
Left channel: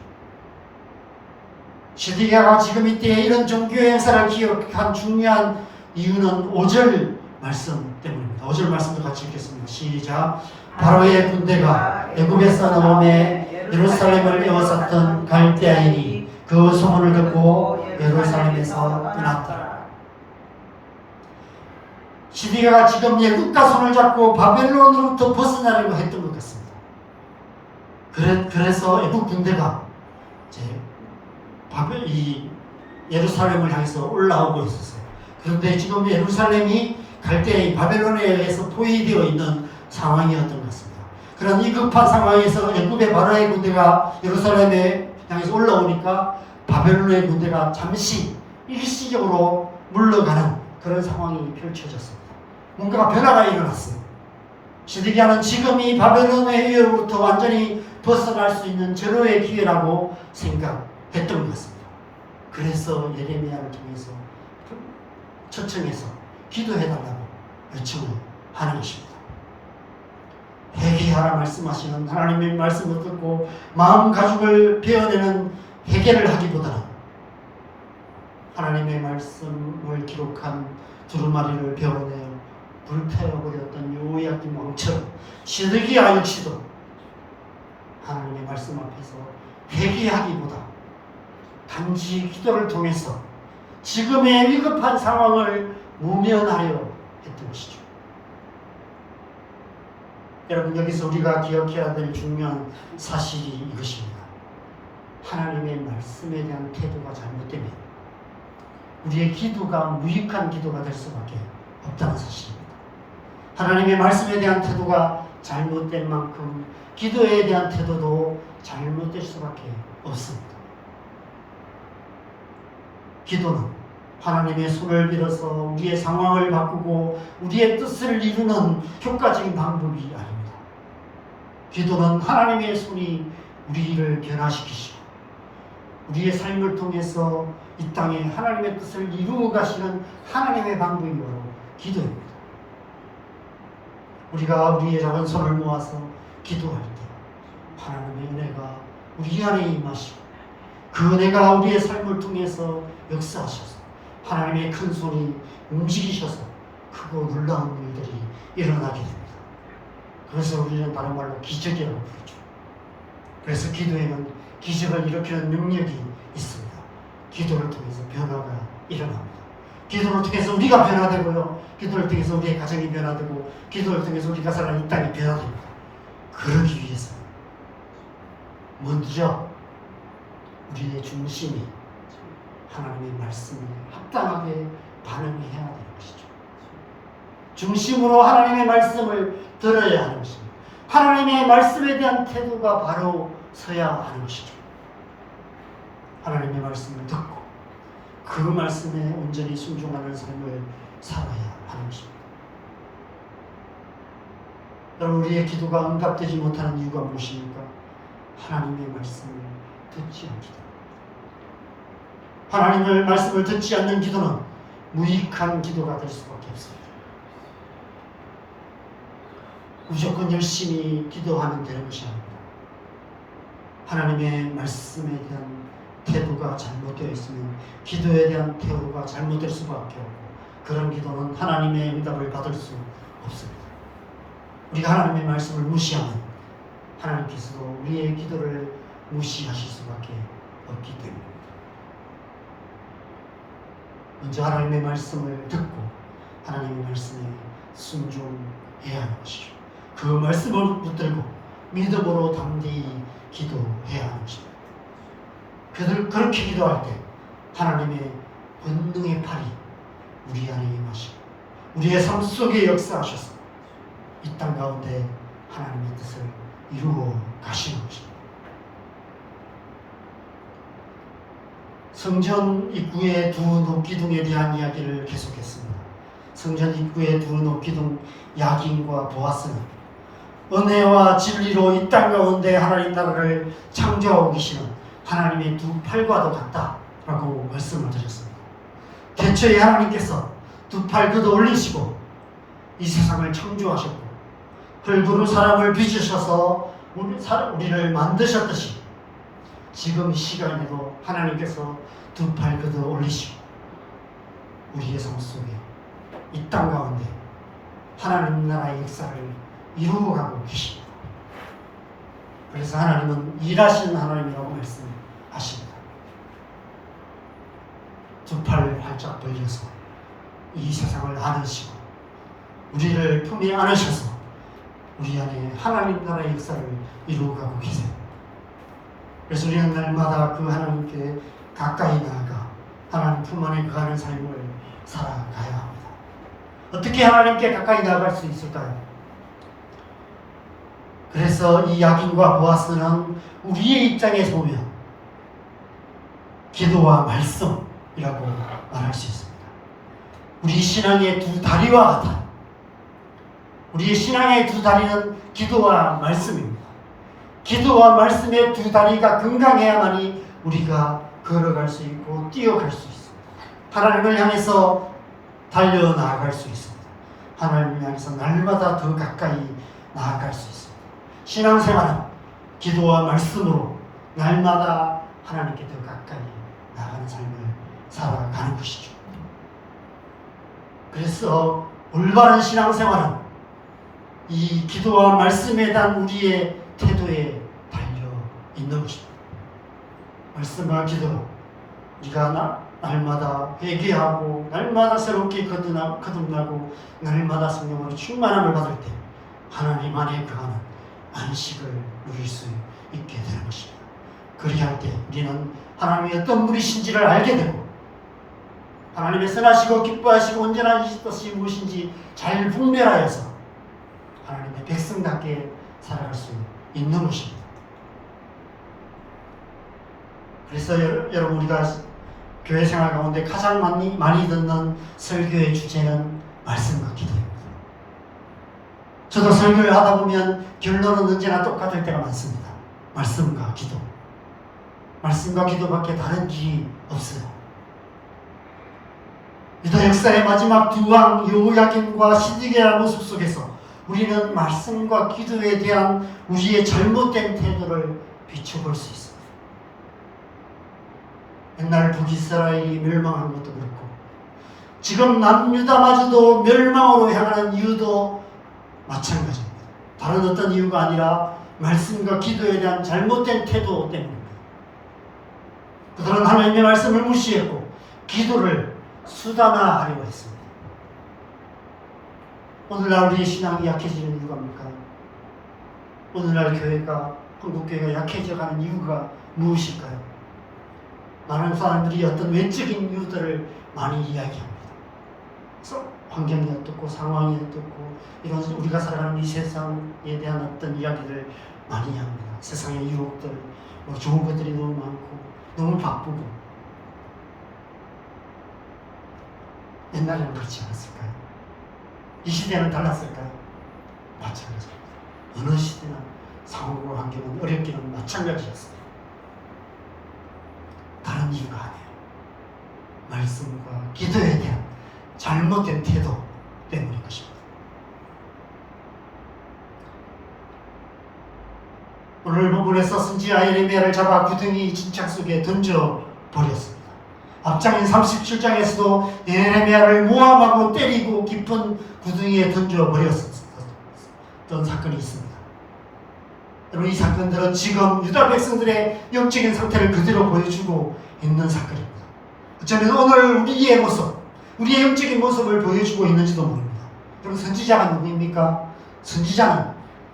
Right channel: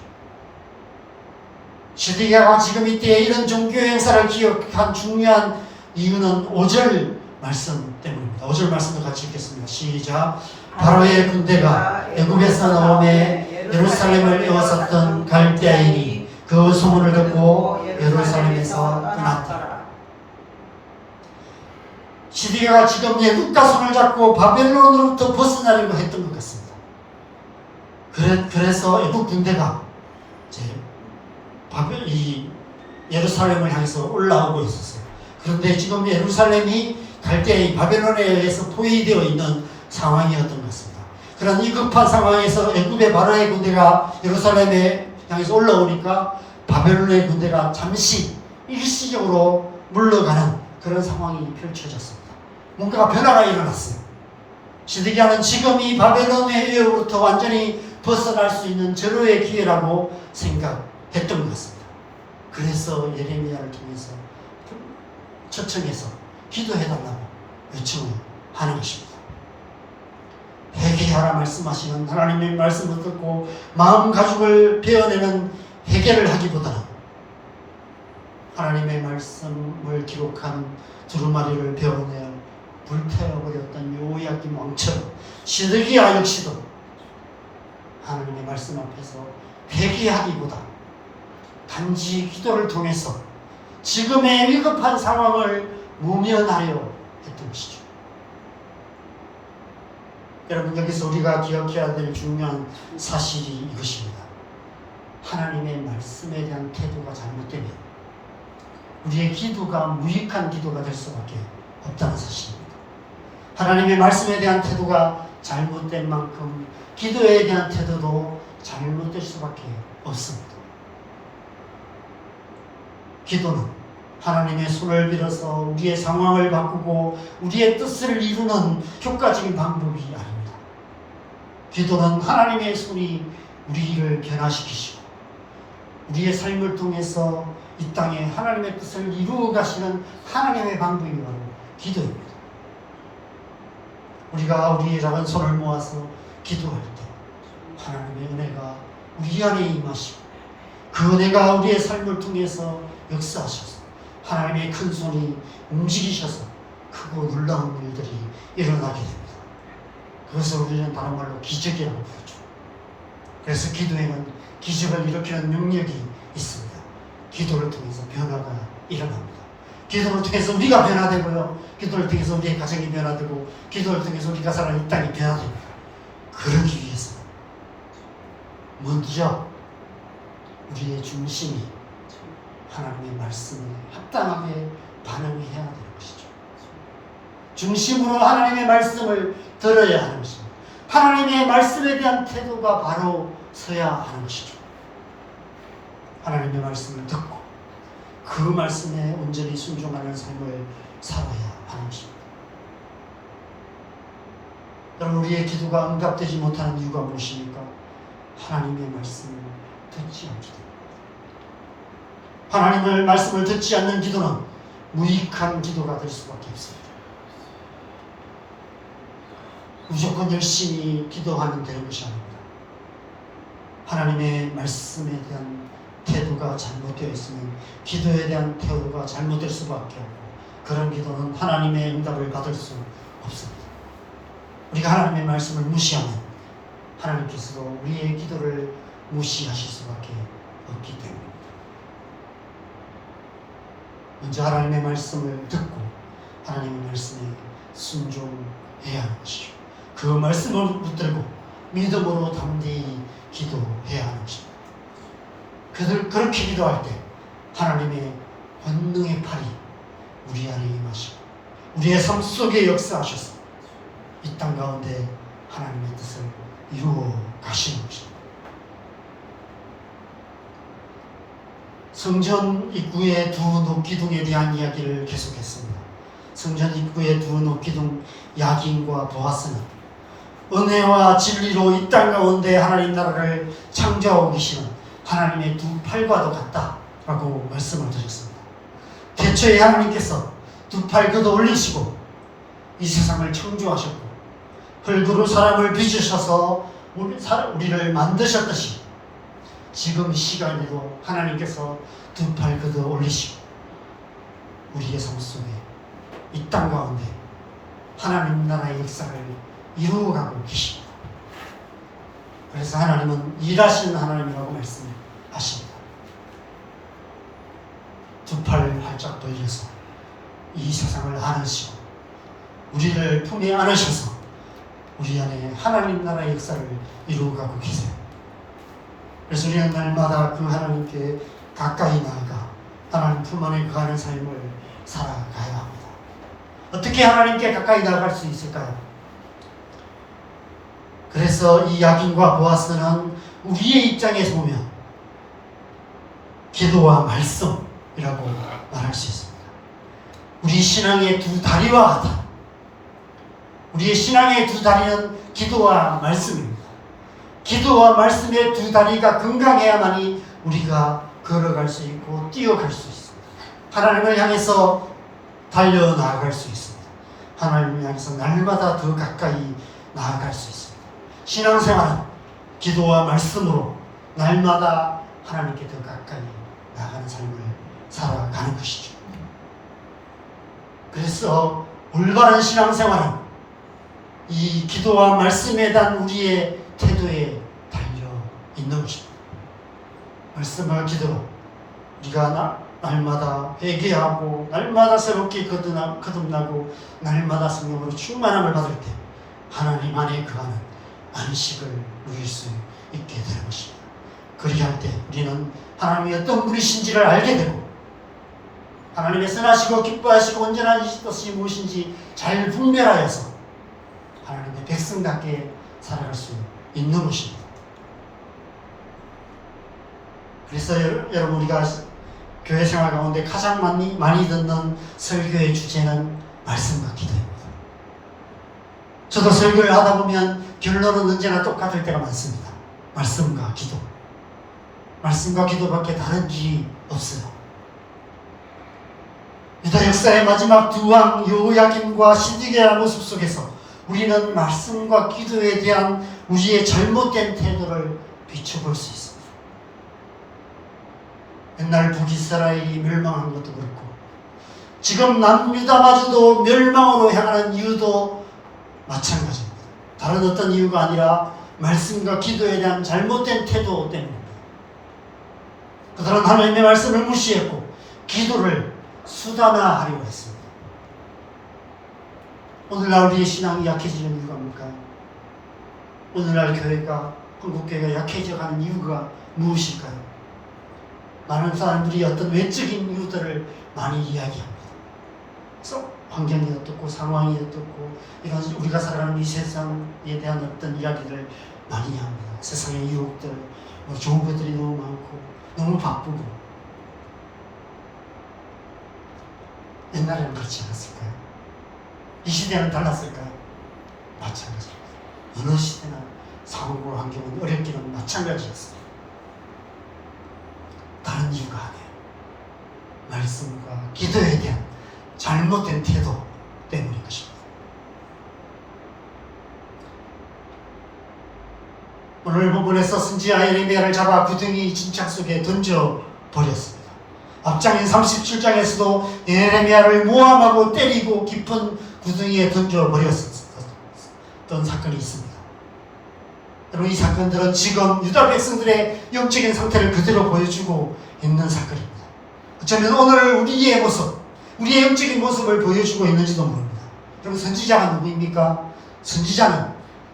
시드기야가 지금 이때 이런 종교 행사를 기억한 중요한 이유는 5절 말씀 때문입니다. 5절 말씀도 같이 읽겠습니다. 시작. 바로의 군대가 애굽에서 나오매 예루살렘을 에워쌌던 갈대아인이 그 소문을 듣고 예루살렘에서 떠났더라. 시드기야가 지금 애굽과 손을 잡고 바벨론으로부터 벗어나려고 했던 것 같습니다. 그래서 애굽 군대가 이제 이 예루살렘을 향해서 올라오고 있었어요. 그런데 지금 예루살렘이 갈대아인 바벨론에 의해서 포위되어 있는 상황이었던 것 같습니다. 그런 이 급한 상황에서 애굽의 바로의 군대가 예루살렘에 향해서 올라오니까 바벨론의 군대가 잠시 일시적으로 물러가는 그런 상황이 펼쳐졌습니다. 뭔가 변화가 일어났어요. 시드기야는 지금 이 바벨론의 해협으로부터 완전히 벗어날 수 있는 절호의 기회라고 생각했던 것 같습니다. 그래서 예레미야를 통해서 초청해서 기도해달라고 요청을 하는 것입니다. 회개하라 말씀하시는 하나님의 말씀을 듣고 마음 가죽을 베어내는 회개를 하기보다는 하나님의 말씀을 기록한 두루마리를 베어내어 불태워버렸던 여호야김 왕처럼 시드기야 역시도 하나님의 말씀 앞에서 회개하기보다 단지 기도를 통해서 지금의 위급한 상황을 모면하려 했던 것이죠. 여러분, 여기서 우리가 기억해야 될 중요한 사실이 이것입니다. 하나님의 말씀에 대한 태도가 잘못되면 우리의 기도가 무익한 기도가 될 수밖에 없다는 사실입니다. 하나님의 말씀에 대한 태도가 잘못된 만큼 기도에 대한 태도도 잘못될 수밖에 없습니다. 기도는 하나님의 손을 빌어서 우리의 상황을 바꾸고 우리의 뜻을 이루는 효과적인 방법이 아닙니다. 기도는 하나님의 손이 우리를 변화시키시고 우리의 삶을 통해서 이 땅에 하나님의 뜻을 이루어 가시는 하나님의 방법이 바로 기도입니다. 우리가 우리의 작은 손을 모아서 기도할 때 하나님의 은혜가 우리 안에 임하시고 그 은혜가 우리의 삶을 통해서 역사하셔서 하나님의 큰 손이 움직이셔서 크고 놀라운 일들이 일어나게 됩니다. 그래서 우리는 다른 말로 기적이라고 부르죠. 그래서 기도에는 기적을 일으키는 능력이 있습니다. 기도를 통해서 변화가 일어납니다. 기도를 통해서 우리가 변화되고요. 기도를 통해서 우리의 가정이 변화되고 기도를 통해서 우리가 사는 이 땅이 변화됩니다. 그러기 위해서 먼저 우리의 중심이 하나님의 말씀에 합당하게 반응해야 되는 것이죠. 중심으로 하나님의 말씀을 들어야 하는 것입니다. 하나님의 말씀에 대한 태도가 바로 서야 하는 것이죠. 하나님의 말씀을 듣고 그 말씀에 온전히 순종하는 삶을 살아야 하는 것입니다. 여러분, 우리의 기도가 응답되지 못하는 이유가 무엇입니까? 하나님의 말씀을 듣지 않기 때문입니다. 하나님의 말씀을 듣지 않는 기도는 무익한 기도가 될 수밖에 없습니다. 무조건 열심히 기도하면 되는 것이 아닙니다. 하나님의 말씀에 대한 태도가 잘못되어 있으면 기도에 대한 태도가 잘못될 수밖에 없고, 그런 기도는 하나님의 응답을 받을 수 없습니다. 우리가 하나님의 말씀을 무시하면 하나님께서도 우리의 기도를 무시하실 수밖에 없기 때문입니다. 먼저 하나님의 말씀을 듣고 하나님의 말씀에 순종해야 하는 것이죠. 그 말씀을 붙들고 믿음으로 담대히 기도해야 하는 것입니다. 그렇게 기도할 때 하나님의 권능의 팔이 우리 안에 임하시고 우리의 삶 속에 역사하셔서 이 땅 가운데 하나님의 뜻을 이루어 가시는 것입니다. 성전 입구의 두 녹기둥에 대한 이야기를 계속했습니다. 성전 입구의 두 녹기둥 야긴과 보아스는 은혜와 진리로 이 땅 가운데 하나님 나라를 창조하고 계시는 하나님의 두 팔과도 같다라고 말씀을 드렸습니다. 대초에 하나님께서 두 팔 걷어 올리시고 이 세상을 창조하셨고 흙으로 사람을 빚으셔서 우리를 만드셨듯이 지금 이 시간에도 하나님께서 두 팔 걷어 올리시고 우리의 삶 속에 이 땅 가운데 하나님 나라의 역사를 이루어가고 계십니다. 그래서 하나님은 일하시는 하나님이라고 말씀하십니다. 두 팔 활짝 벌려서 이 세상을 안으시고 우리를 품에 안으셔서 우리 안에 하나님 나라의 역사를 이루어가고 계세요. 그래서 우리는 날마다 그 하나님께 가까이 나아가 하나님 품 안에 거하는 삶을 살아가야 합니다. 어떻게 하나님께 가까이 나아갈 수 있을까요? 그래서 이 야긴과 보아스는 우리의 입장에서 보면 기도와 말씀이라고 말할 수 있습니다. 우리 신앙의 두 다리와 같아. 우리의 신앙의 두 다리는 기도와 말씀입니다. 기도와 말씀의 두 다리가 건강해야만이 우리가 걸어갈 수 있고 뛰어갈 수 있습니다. 하나님을 향해서 달려나아갈 수 있습니다. 하나님을 향해서 날마다 더 가까이 나아갈 수 있습니다. 신앙생활은 기도와 말씀으로 날마다 하나님께 더 가까이 나아가는 삶을 살아가는 것이죠. 그래서 올바른 신앙생활은 이 기도와 말씀에 대한 우리의 태도에 달려 있는 것입니다. 말씀과 기도로 우리가 날마다 회개하고 날마다 새롭게 거듭나고 날마다 성령으로 충만함을 받을 때 하나님 안에 거하는 안식을 누릴 수 있게 되는 것입니다. 그렇게 할 때 우리는 하나님이 어떤 분이신지를 알게 되고 하나님의 선하시고 기뻐하시고 온전한 뜻이 무엇인지 잘 분별하여서 하나님의 백성답게 살아갈 수 있는 것입니다. 그래서 여러분, 우리가 교회 생활 가운데 가장 많이 듣는 설교의 주제는 말씀과 기도입니다. 저도 설교를 하다 보면 결론은 언제나 똑같을 때가 많습니다. 말씀과 기도. 말씀과 기도밖에 다른 길이 없어요. 유다 역사의 마지막 두 왕 여호야김과 시드기야 모습 속에서 우리는 말씀과 기도에 대한 우리의 잘못된 태도를 비춰볼 수 있습니다. 옛날 북이스라엘이 멸망한 것도 그렇고 지금 남유다마저도 멸망으로 향하는 이유도 마찬가지입니다. 다른 어떤 이유가 아니라 말씀과 기도에 대한 잘못된 태도 때문입니다. 그들은 하나님의 말씀을 무시했고 기도를 수단화하려고 했습니다. 오늘날 우리의 신앙이 약해지는 이유가 뭘까요? 오늘날 교회가, 한국교회가 약해져가는 이유가 무엇일까요? 많은 사람들이 어떤 외적인 이유들을 많이 이야기합니다. 그래서 환경이 어떻고 상황이 어떻고 이런 우리가 살아가는 이 세상에 대한 어떤 이야기를 많이 합니다. 세상의 유혹들, 좋은 것들이 너무 많고 너무 바쁘고. 옛날에는 그렇지 않았을까요? 이 시대는 달랐을까요? 마찬가지입니다. 어느 시대나 상황과 환경은 어렵기는 마찬가지였습니다. 다른 이유가 아니에요. 말씀과 기도에 대한 잘못된 태도 때문인 것입니다. 오늘 본문에서 선지자 예레미야를 잡아 구덩이 진창 속에 던져버렸습니다. 앞장인 37장에서도 예레미야를 모함하고 때리고 깊은 구덩이에 던져버렸었던 사건이 있습니다. 여러분, 이 사건들은 지금 유다 백성들의 영적인 상태를 그대로 보여주고 있는 사건입니다. 어쩌면 오늘 우리의 모습, 우리의 영적인 모습을 보여주고 있는지도 모릅니다. 여러분, 선지자가 누구입니까? 선지자는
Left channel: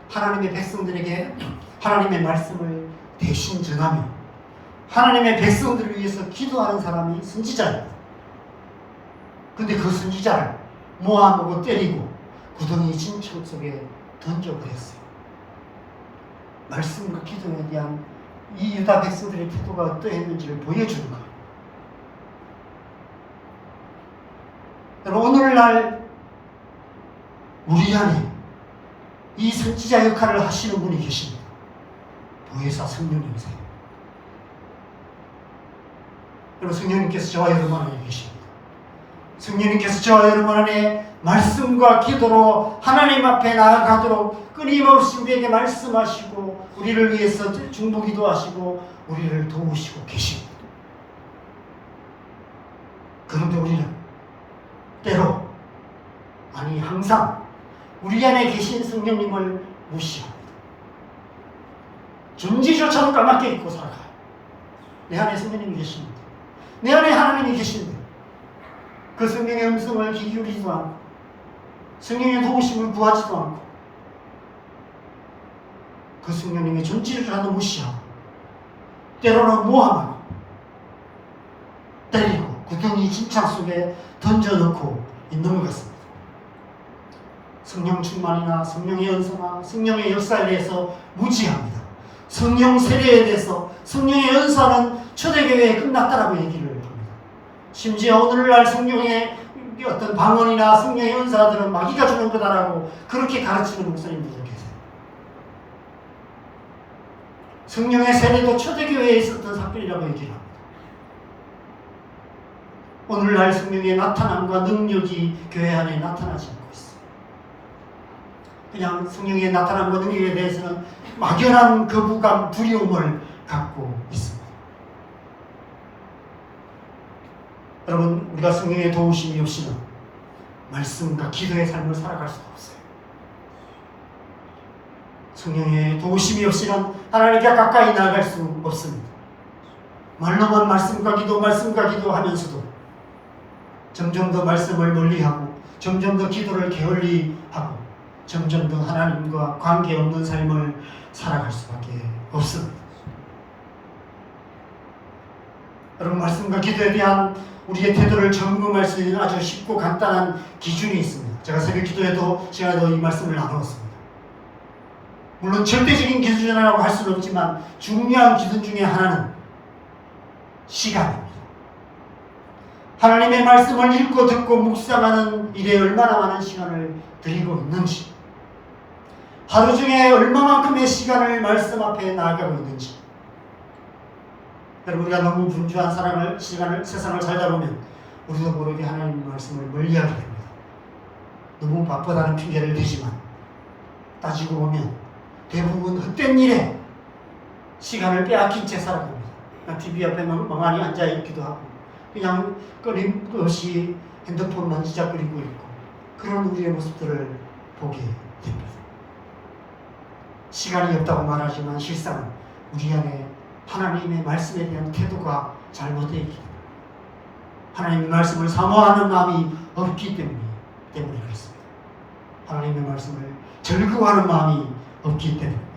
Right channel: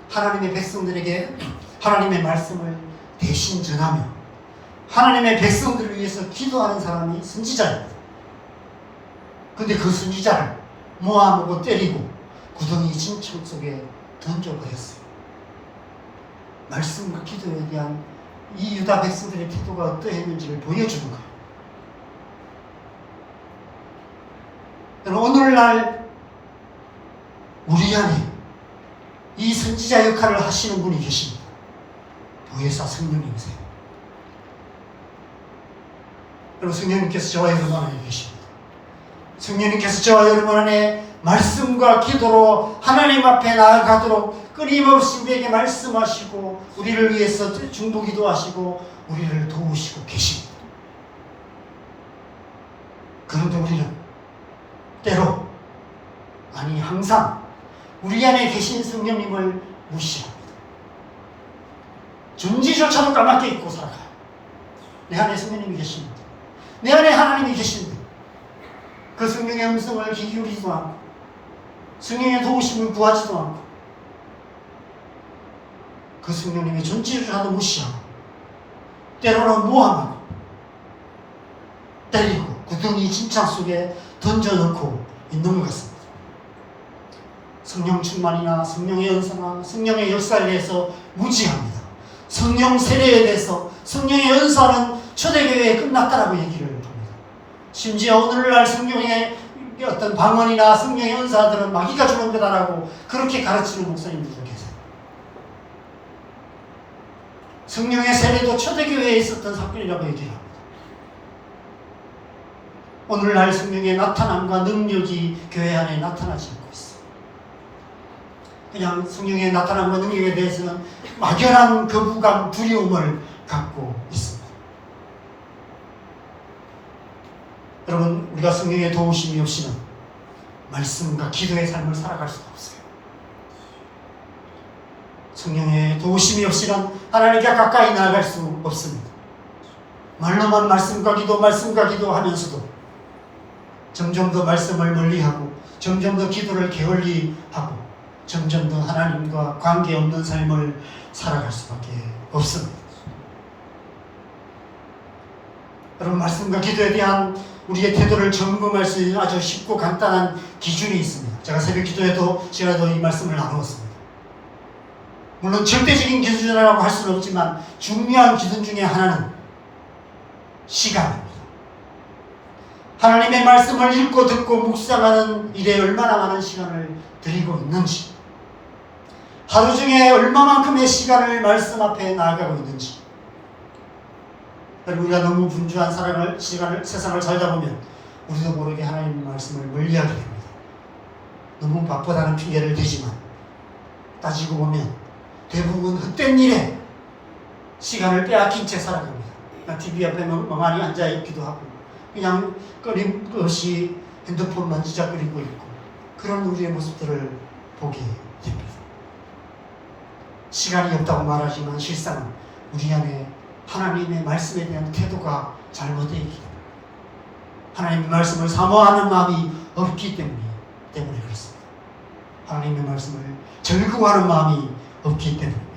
하나님의 백성들에게 하나님의 말씀을 대신 전하며 하나님의 백성들을 위해서 기도하는 사람이 선지자입니다. 그런데 그 선지자를 모함하고 때리고 구덩이 진창 속에 던져버렸어요. 말씀과 기도에 대한 이 유다 백성들의 태도가 어떠했는지를 보여주는 거예요. 여러분, 오늘날 우리 안에 이 선지자 역할을 하시는 분이 계십니다. 보혜사 성령님이세요. 여러분, 성령님께서 저와 여러분 안에 계십니다. 성령님께서 저와 여러분 안에 말씀과 기도로 하나님 앞에 나아가도록 끊임없이 우리에게 말씀하시고 우리를 위해서 중보기도하시고 우리를 도우시고 계십니다. 그런데 우리는 때로, 아니 항상 우리 안에 계신 성령님을 무시합니다. 존재조차도 까맣게 잊고 살아가요. 내 안에 성령님이 계십니다. 내 안에 하나님이 계십니다. 그 성령의 음성을 귀 기울이지도 않고 성령의 도우심을 구하지도 않고 그 성령님의 존재조차도 무시하고 때로는 모함하고 때리고 구덩이 진창 속에 던져놓고 있는 것 같습니다. 성령 충만이나 성령의 은사나 성령의 역사에 대해서 무지합니다. 성령 세례에 대해서 성령의 은사는 초대교회에 끝났다라고 얘기를 합니다. 심지어 오늘날 성령의 어떤 방언이나 성령의 은사들은 마귀가 주는 거다라고 그렇게 가르치는 목사님들도 계세요. 성령의 세례도 초대교회에 있었던 사건이라고 얘기합니다. 오늘날 성령의 나타남과 능력이 교회 안에 나타나지 않고 있어요. 그냥 성령의 나타남과 능력에 대해서는 막연한 거부감, 두려움을 갖고 있습니다. 여러분, 우리가 성령의 도우심이 없이는 말씀과 기도의 삶을 살아갈 수가 없어요. 성령의 도우심이 없이는 하나님께 가까이 나아갈 수 없습니다. 말로만 말씀과 기도 하면서도 점점 더 말씀을 멀리하고 점점 더 기도를 게을리하고 점점 더 하나님과 관계없는 삶을 살아갈 수밖에 없습니다. 여러분, 말씀과 기도에 대한 우리의 태도를 점검할 수 있는 아주 쉽고 간단한 기준이 있습니다. 제가 새벽 기도에도 시간에도 이 말씀을 나누었습니다. 물론 절대적인 기준이라고 할 수는 없지만 중요한 기준 중에 하나는 시간입니다. 하나님의 말씀을 읽고 듣고 묵상하는 일에 얼마나 많은 시간을 드리고 있는지, 하루 중에 얼마만큼의 시간을 말씀 앞에 나아가고 있는지. 여러분, 우리가 너무 분주한 세상을 살다 보면 우리도 모르게 하나님 말씀을 멀리하게 됩니다. 너무 바쁘다는 핑계를 대지만 따지고 보면 대부분 헛된 일에 시간을 빼앗긴 채 살아갑니다. 그냥 TV 옆에 멍하니 앉아있기도 하고 그냥 끊임없이 핸드폰 만지작거리고 있고 그런 우리의 모습들을 보게 됩니다. 시간이 없다고 말하지만 실상은 우리 안에 하나님의 말씀에 대한 태도가 잘못되어 있기 때문에, 하나님의 말씀을 사모하는 마음이 없기 때문에 그렇습니다. 하나님의 말씀을 즐거워하는 마음이 없기 때문입니다.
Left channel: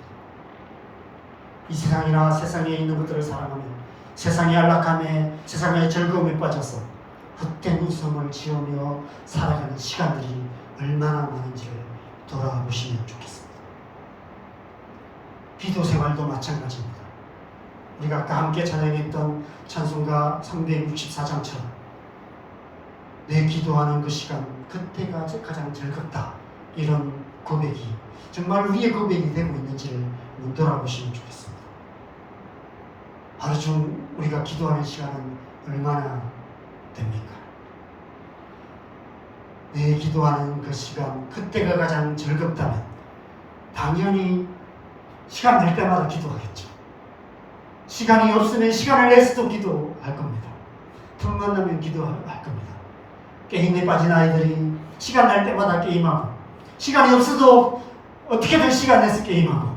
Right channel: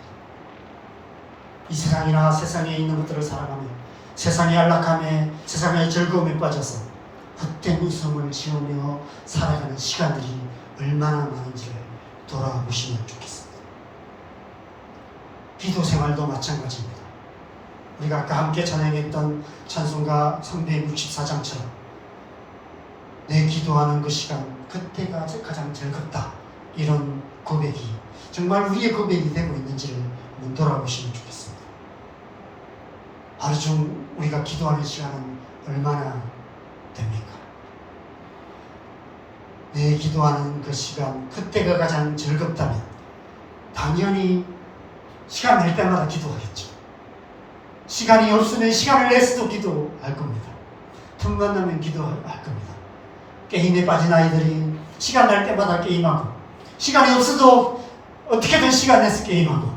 이 세상이나 세상에 있는 것들을 살아가며 세상의 안락함에, 세상의 즐거움에 빠져서 헛된 웃음을 지으며 살아가는 시간들이 얼마나 많은지를 돌아보시면 좋겠습니다. 기도 생활도 마찬가지입니다. 우리가 아까 함께 찬양했던 찬송가 364장처럼 내 기도하는 그 시간, 그때가 가장 즐겁다, 이런 고백이 정말 우리의 고백이 되고 있는지를 한번 돌아보시면 좋겠습니다. 하루 중 우리가 기도하는 시간은 얼마나 됩니까? 내 기도하는 그 시간, 그때가 가장 즐겁다면 당연히 시간 날 때마다 기도하겠죠. 시간이 없으면 시간을 내서도 기도할 겁니다. 틈만 나면 기도할 겁니다. 게임에 빠진 아이들이 시간 날 때마다 게임하고, 시간이 없어도 어떻게든 시간 내서 게임하고,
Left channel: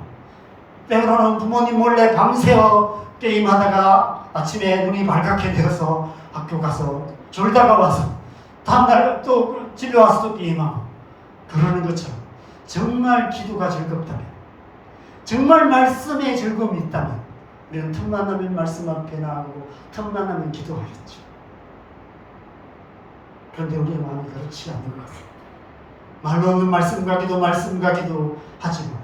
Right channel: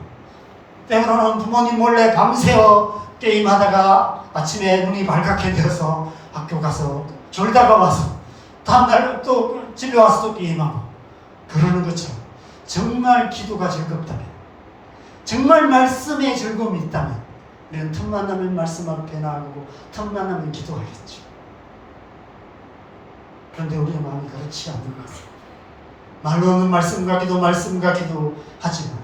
때로는 부모님 몰래 밤새워 게임하다가 아침에 눈이 밝게 되어서 학교 가서 졸다가 와서 다음날 또 집에 와서 또 게임하고 그러는 것처럼, 정말 기도가 즐겁다면, 정말 말씀에 즐거움이 있다면 우리는 틈만 나면 말씀 앞에 나가고 틈만 나면 기도하겠죠. 그런데 우리의 마음이 그렇지 않는 것 같습니다. 말로는 말씀과 기도, 말씀과 기도 하지만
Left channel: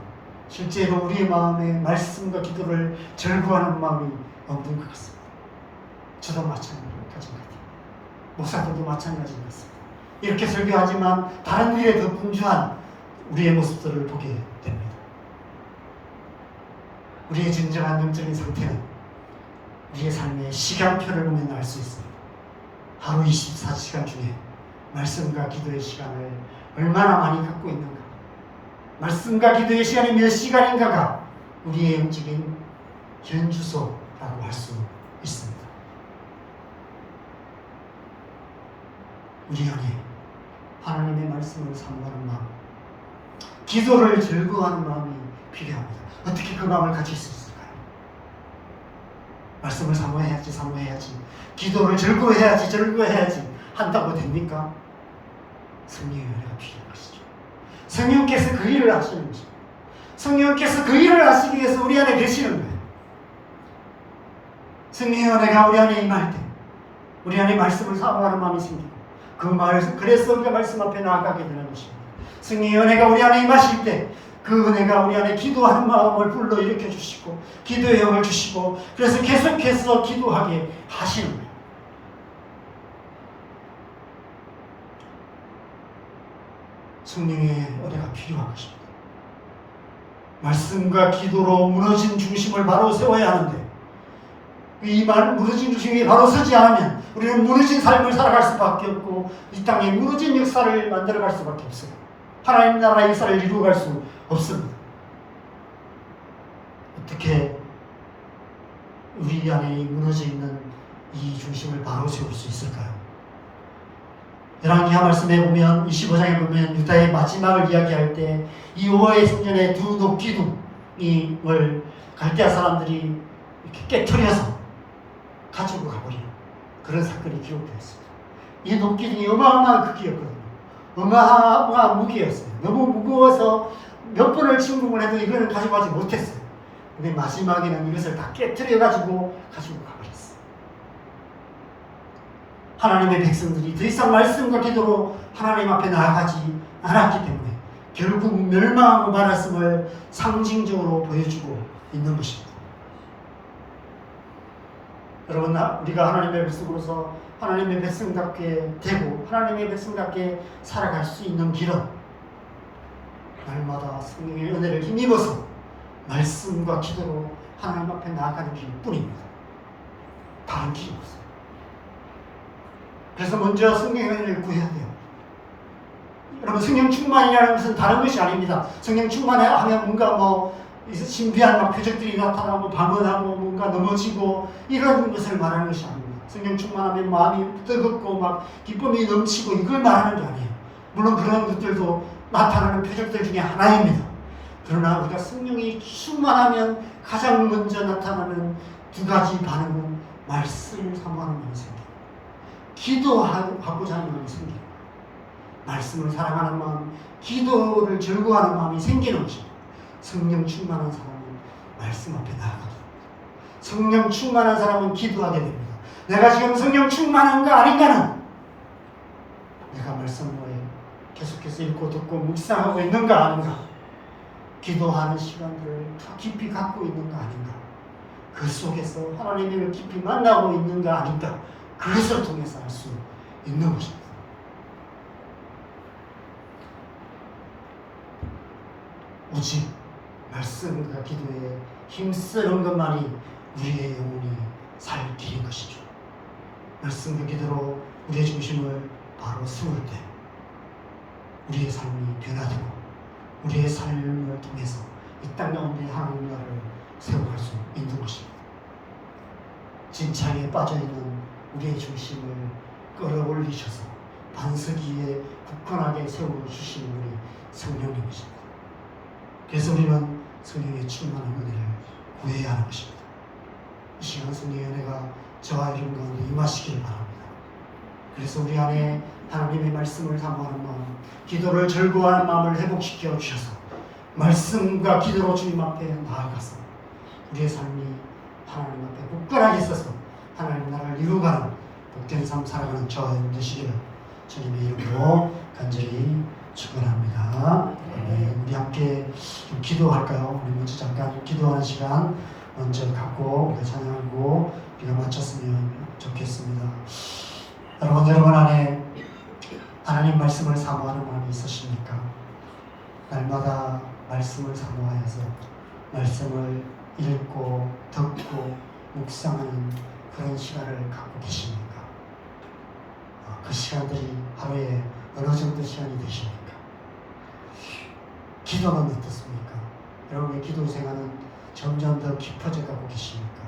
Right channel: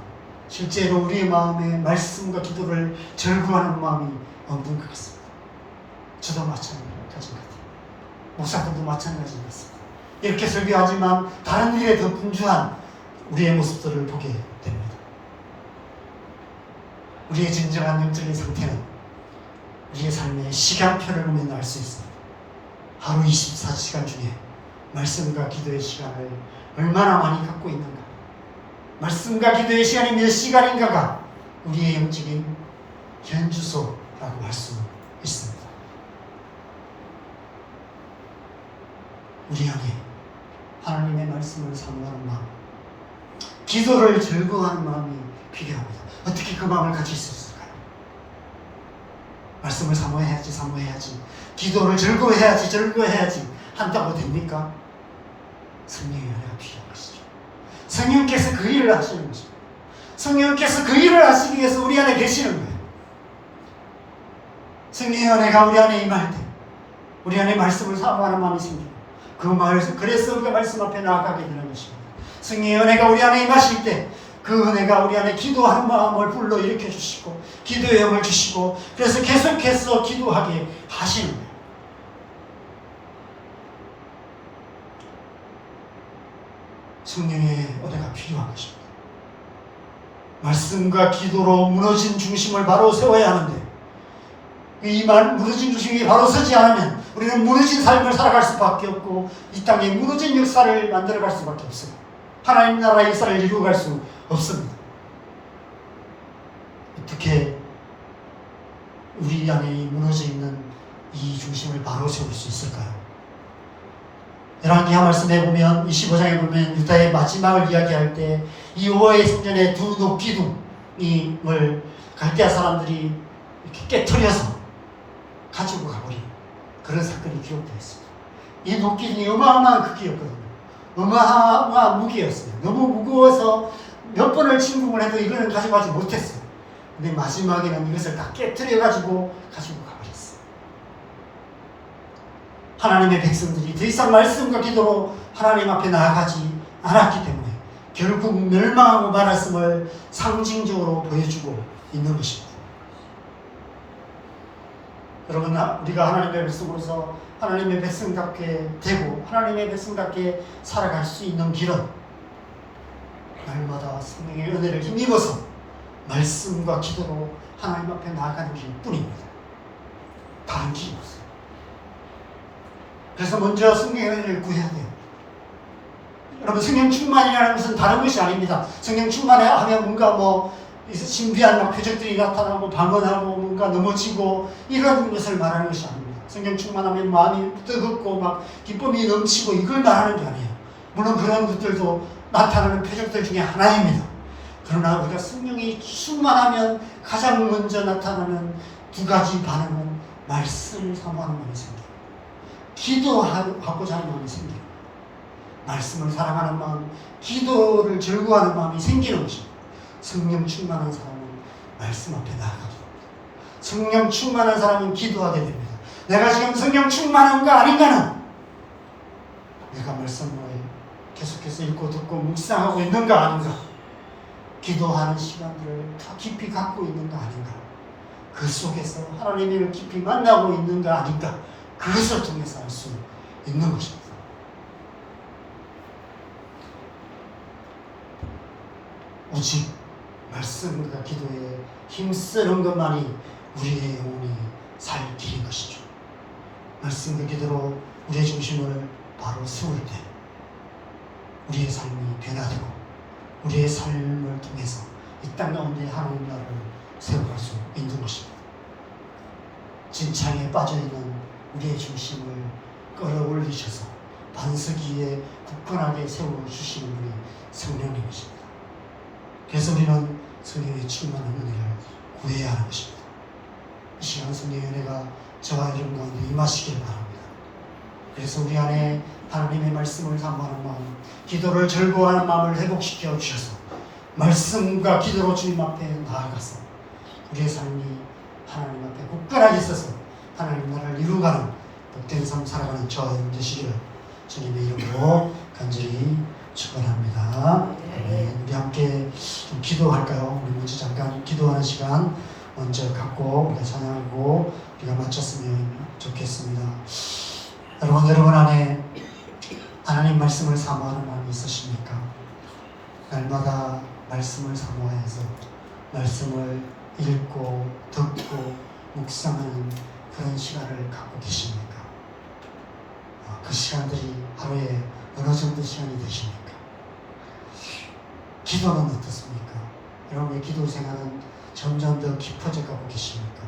실제로 우리의 마음에 말씀과 기도를 즐거워하는 마음이 없는 것 같습니다. 저도 마찬가지인 것 같아요. 목사들도 마찬가지인 것 같습니다. 이렇게 설교하지만 다른 일에 더 분주한 우리의 모습들을 보게 됩니다. 우리의 진정한 영적인 상태는 우리의 삶의 시간표를 보면 알 수 있습니다. 하루 24시간 중에 말씀과 기도의 시간을 얼마나 많이 갖고 있는가, 말씀과 기도의 시간이 몇 시간인가가 우리의 영적인 현주소라고 할 수 있습니다. 우리 안에 하나님의 말씀을 사모하는 마음, 기도를 즐거워하는 마음이 필요합니다. 어떻게 그 마음을 가질 수 있을까요? 말씀을 사모해야지, 기도를 즐거워해야지 한다고 됩니까? 성령의 은혜가 필요한 것이죠. 성령께서 그 일을 하시는 것입니다. 성령께서 그 일을 하시기 위해서 우리 안에 계시는 거예요. 성령의 은혜가 우리 안에 임할 때 우리 안에 말씀을 사모하는 마음이 생기고, 그래서 우리가 말씀 앞에 나아가게 되는 것입니다. 성령의 은혜가 우리 안에 임하실 때 그 은혜가 우리 안에 기도하는 마음을 불러일으켜 주시고 기도의 영을 주시고, 그래서 계속해서 기도하게 하시는 거예요. 성령의 은혜가 필요한 것입니다. 말씀과 기도로 무너진 중심을 바로 세워야 하는데, 이 무너진 중심이 바로 서지 않으면 우리는 무너진 삶을 살아갈 수밖에 없고 이 땅에 무너진 역사를 만들어갈 수밖에 없어요. 하나님 나라의 역사를 이루어갈 수 없습니다. 어떻게 우리 안에 무너져 있는 이 중심을 바로 세울 수 있을까요? 열왕기하 말씀에 보면 25장에 보면 유다의 마지막을 이야기할 때 이 여호와의 성전에 두 녹기둥을 갈대아 사람들이 이렇게 깨트려서 가지고 가버리는 그런 사건이 기록되어 있습니다. 이 녹기둥이 어마어마한 크기였거든요. 어마어마한 무기였어요. 너무 무거워서 몇 번을 침공을 해도 이거는 가져가지 못했어요. 근데 마지막에는 이것을 다 깨트려가지고 가지고 가버렸어요. 하나님의 백성들이 더 이상 말씀과 기도로 하나님 앞에 나아가지 않았기 때문에 결국 멸망하고 말았음을 상징적으로 보여주고 있는 것입니다. 여러분, 우리가 하나님의 백성으로서 하나님의 백성답게 되고 하나님의 백성답게 살아갈 수 있는 길은 날마다 성령의 은혜를 힘입어서 말씀과 기도로 하나님 앞에 나아가는 길뿐입니다. 다른 길이 없어요. 그래서 먼저 성령의 은혜를 구해야 돼요. 여러분, 성령 충만이라는 것은 다른 것이 아닙니다. 성령 충만하면 뭔가 신비한 표적들이 나타나고 방언하고 뭔가 넘어지고 이런 것을 말하는 것이 아닙니다. 성령 충만하면 마음이 뜨겁고 기쁨이 넘치고 이걸 말하는 게 아니에요. 물론 그런 것들도 나타나는 표적들 중에 하나입니다. 그러나 우리가 성령이 충만하면 가장 먼저 나타나는 두 가지 반응은 말씀을 사모하는 마음이 생겨요. 기도하고자 하는 마음이 생겨요. 말씀을 사랑하는 마음, 기도를 즐거워하는 마음이 생기는 것입니다. 성령 충만한 사람은 말씀 앞에 나아갑니다. 성령 충만한 사람은 기도하게 됩니다. 내가 지금 성령 충만한가 아닌가는 내가 말씀을 계속해서 읽고 듣고 묵상하고 있는가 아닌가, 기도하는 시간들을 더 깊이 갖고 있는가 아닌가, 그 속에서 하나님을 깊이 만나고 있는가 아닌가, 그것을 통해서 알 수 있는 것입니다. 오직 말씀과 기도에 힘쓰는 것만이 우리의 영혼이 살 길인 것이죠. 말씀과 기도로 우리의 중심을 바로 세울 때 우리의 삶이 변화되고 우리의 삶을 통해서 이 땅 가운데 하나님 나라를 세워갈 수 있는 것입니다. 진창에 빠져있는 우리의 중심을 끌어올리셔서 반석 위에 굳건하게 세워주시는 우리 성령님이십니다. 그래서 우리는 성령의 충만한 은혜를 구해야 하는 것입니다. 이 시간 성령의 은혜가 저와 여러분 가운데 임하시기를 바랍니다. 그래서 우리 안에 하나님의 말씀을 사모하는 마음, 기도를 즐거워하는 마음을 회복시켜 주셔서 말씀과 기도로 주님 앞에 나아가서 우리의 삶이 하나님 앞에 굳건하게 있어서 하나님 나라를 이루어가는 복된 삶 살아가는 저와 되시기를 주님의 이름으로 간절히 축원합니다. 우리 함께 좀 기도할까요? 우리 먼저 잠깐 기도하는 시간 먼저 갖고 우리가 찬양하고 우리가 마쳤으면 좋겠습니다. 여러분 안에 하나님 말씀을 사모하는 마음이 있으십니까? 날마다 말씀을 사모하여서 말씀을 읽고 듣고 묵상하는 그런 시간을 갖고 계십니까? 그 시간들이 하루에 어느 정도 시간이 되십니까? 기도는 어떻습니까? 여러분의 기도 생활은 점점 더 깊어져 가고 계십니까?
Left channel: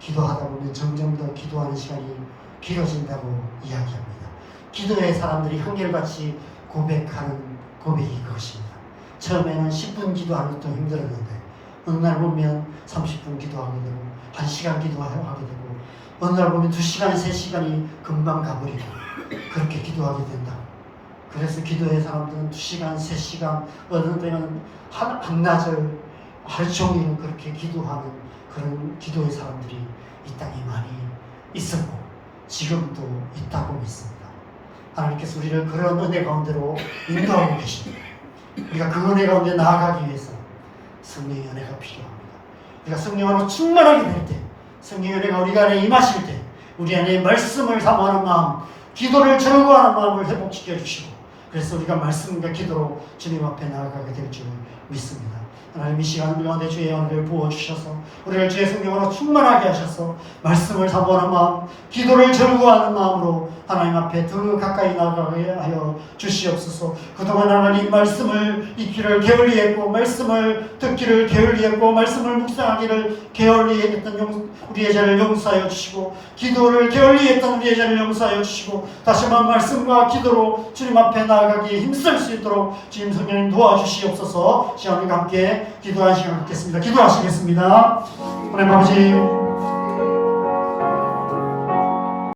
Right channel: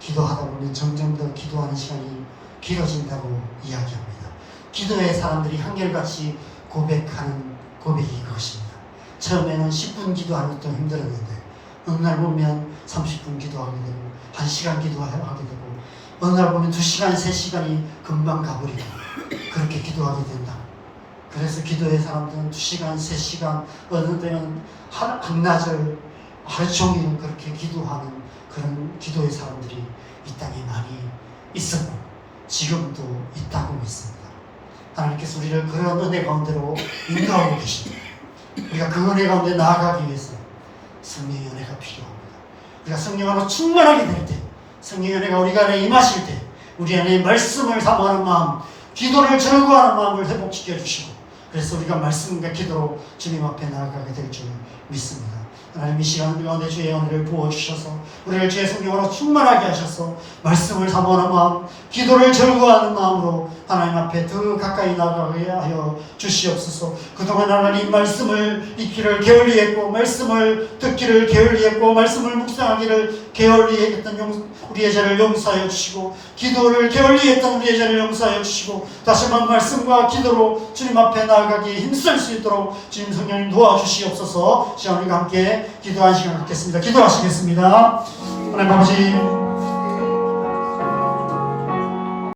기도하다 보면 점점 더 기도하는 시간이 길어진다고 이야기합니다. 기도의 사람들이 한결같이 고백하는 고백이 그것입니다. 처음에는 10분 기도하는 것도 힘들었는데 어느 날 보면 30분 기도하게 되고 1시간 기도하게 되고 어느 날 보면 2시간, 3시간이 금방 가버리고 그렇게 기도하게 된다. 그래서 기도의 사람들은 2시간, 3시간 어느 때는 한낮을 하루 종일 그렇게 기도하는 그런 기도의 사람들이 이 땅에 많이 있었고 지금도 있다고 믿습니다. 하나님께서 우리를 그런 은혜 가운데로 인도하고 계십니다. 우리가 그 은혜 가운데 나아가기 위해서 성령의 은혜가 필요합니다. 우리가 성령으로 충만하게 될 때, 성령의 은혜가 우리 안에 임하실 때 우리 안에 말씀을 사모하는 마음, 기도를 즐거워하는 마음을 회복시켜 주시고 그래서 우리가 말씀과 기도로 주님 앞에 나아가게 될 줄 믿습니다. 하나님 이 시간 우리 가운데 주의 은혜를 부어주셔서 우리를 주의 성령으로 충만하게 하셔서 말씀을 사모하는 마음, 기도를 즐거워하는 마음으로 하나님 앞에 더 가까이 나아가게 하여 주시옵소서. 그동안 하나님 말씀을 읽기를 게을리했고 말씀을 듣기를 게을리했고 말씀을 묵상하기를 게을리했던 우리의 죄를 용서하여 주시고 기도를 게을리했던 우리의 죄를 용서하여 주시고 다시 한번 말씀과 기도로 주님 앞에 나아가기에 힘쓸 수 있도록 주님 성령님 도와주시옵소서. 시간 우리가 함께 기도하는 시간 갖겠습니다. 기도하시겠습니다. 하나님 아버지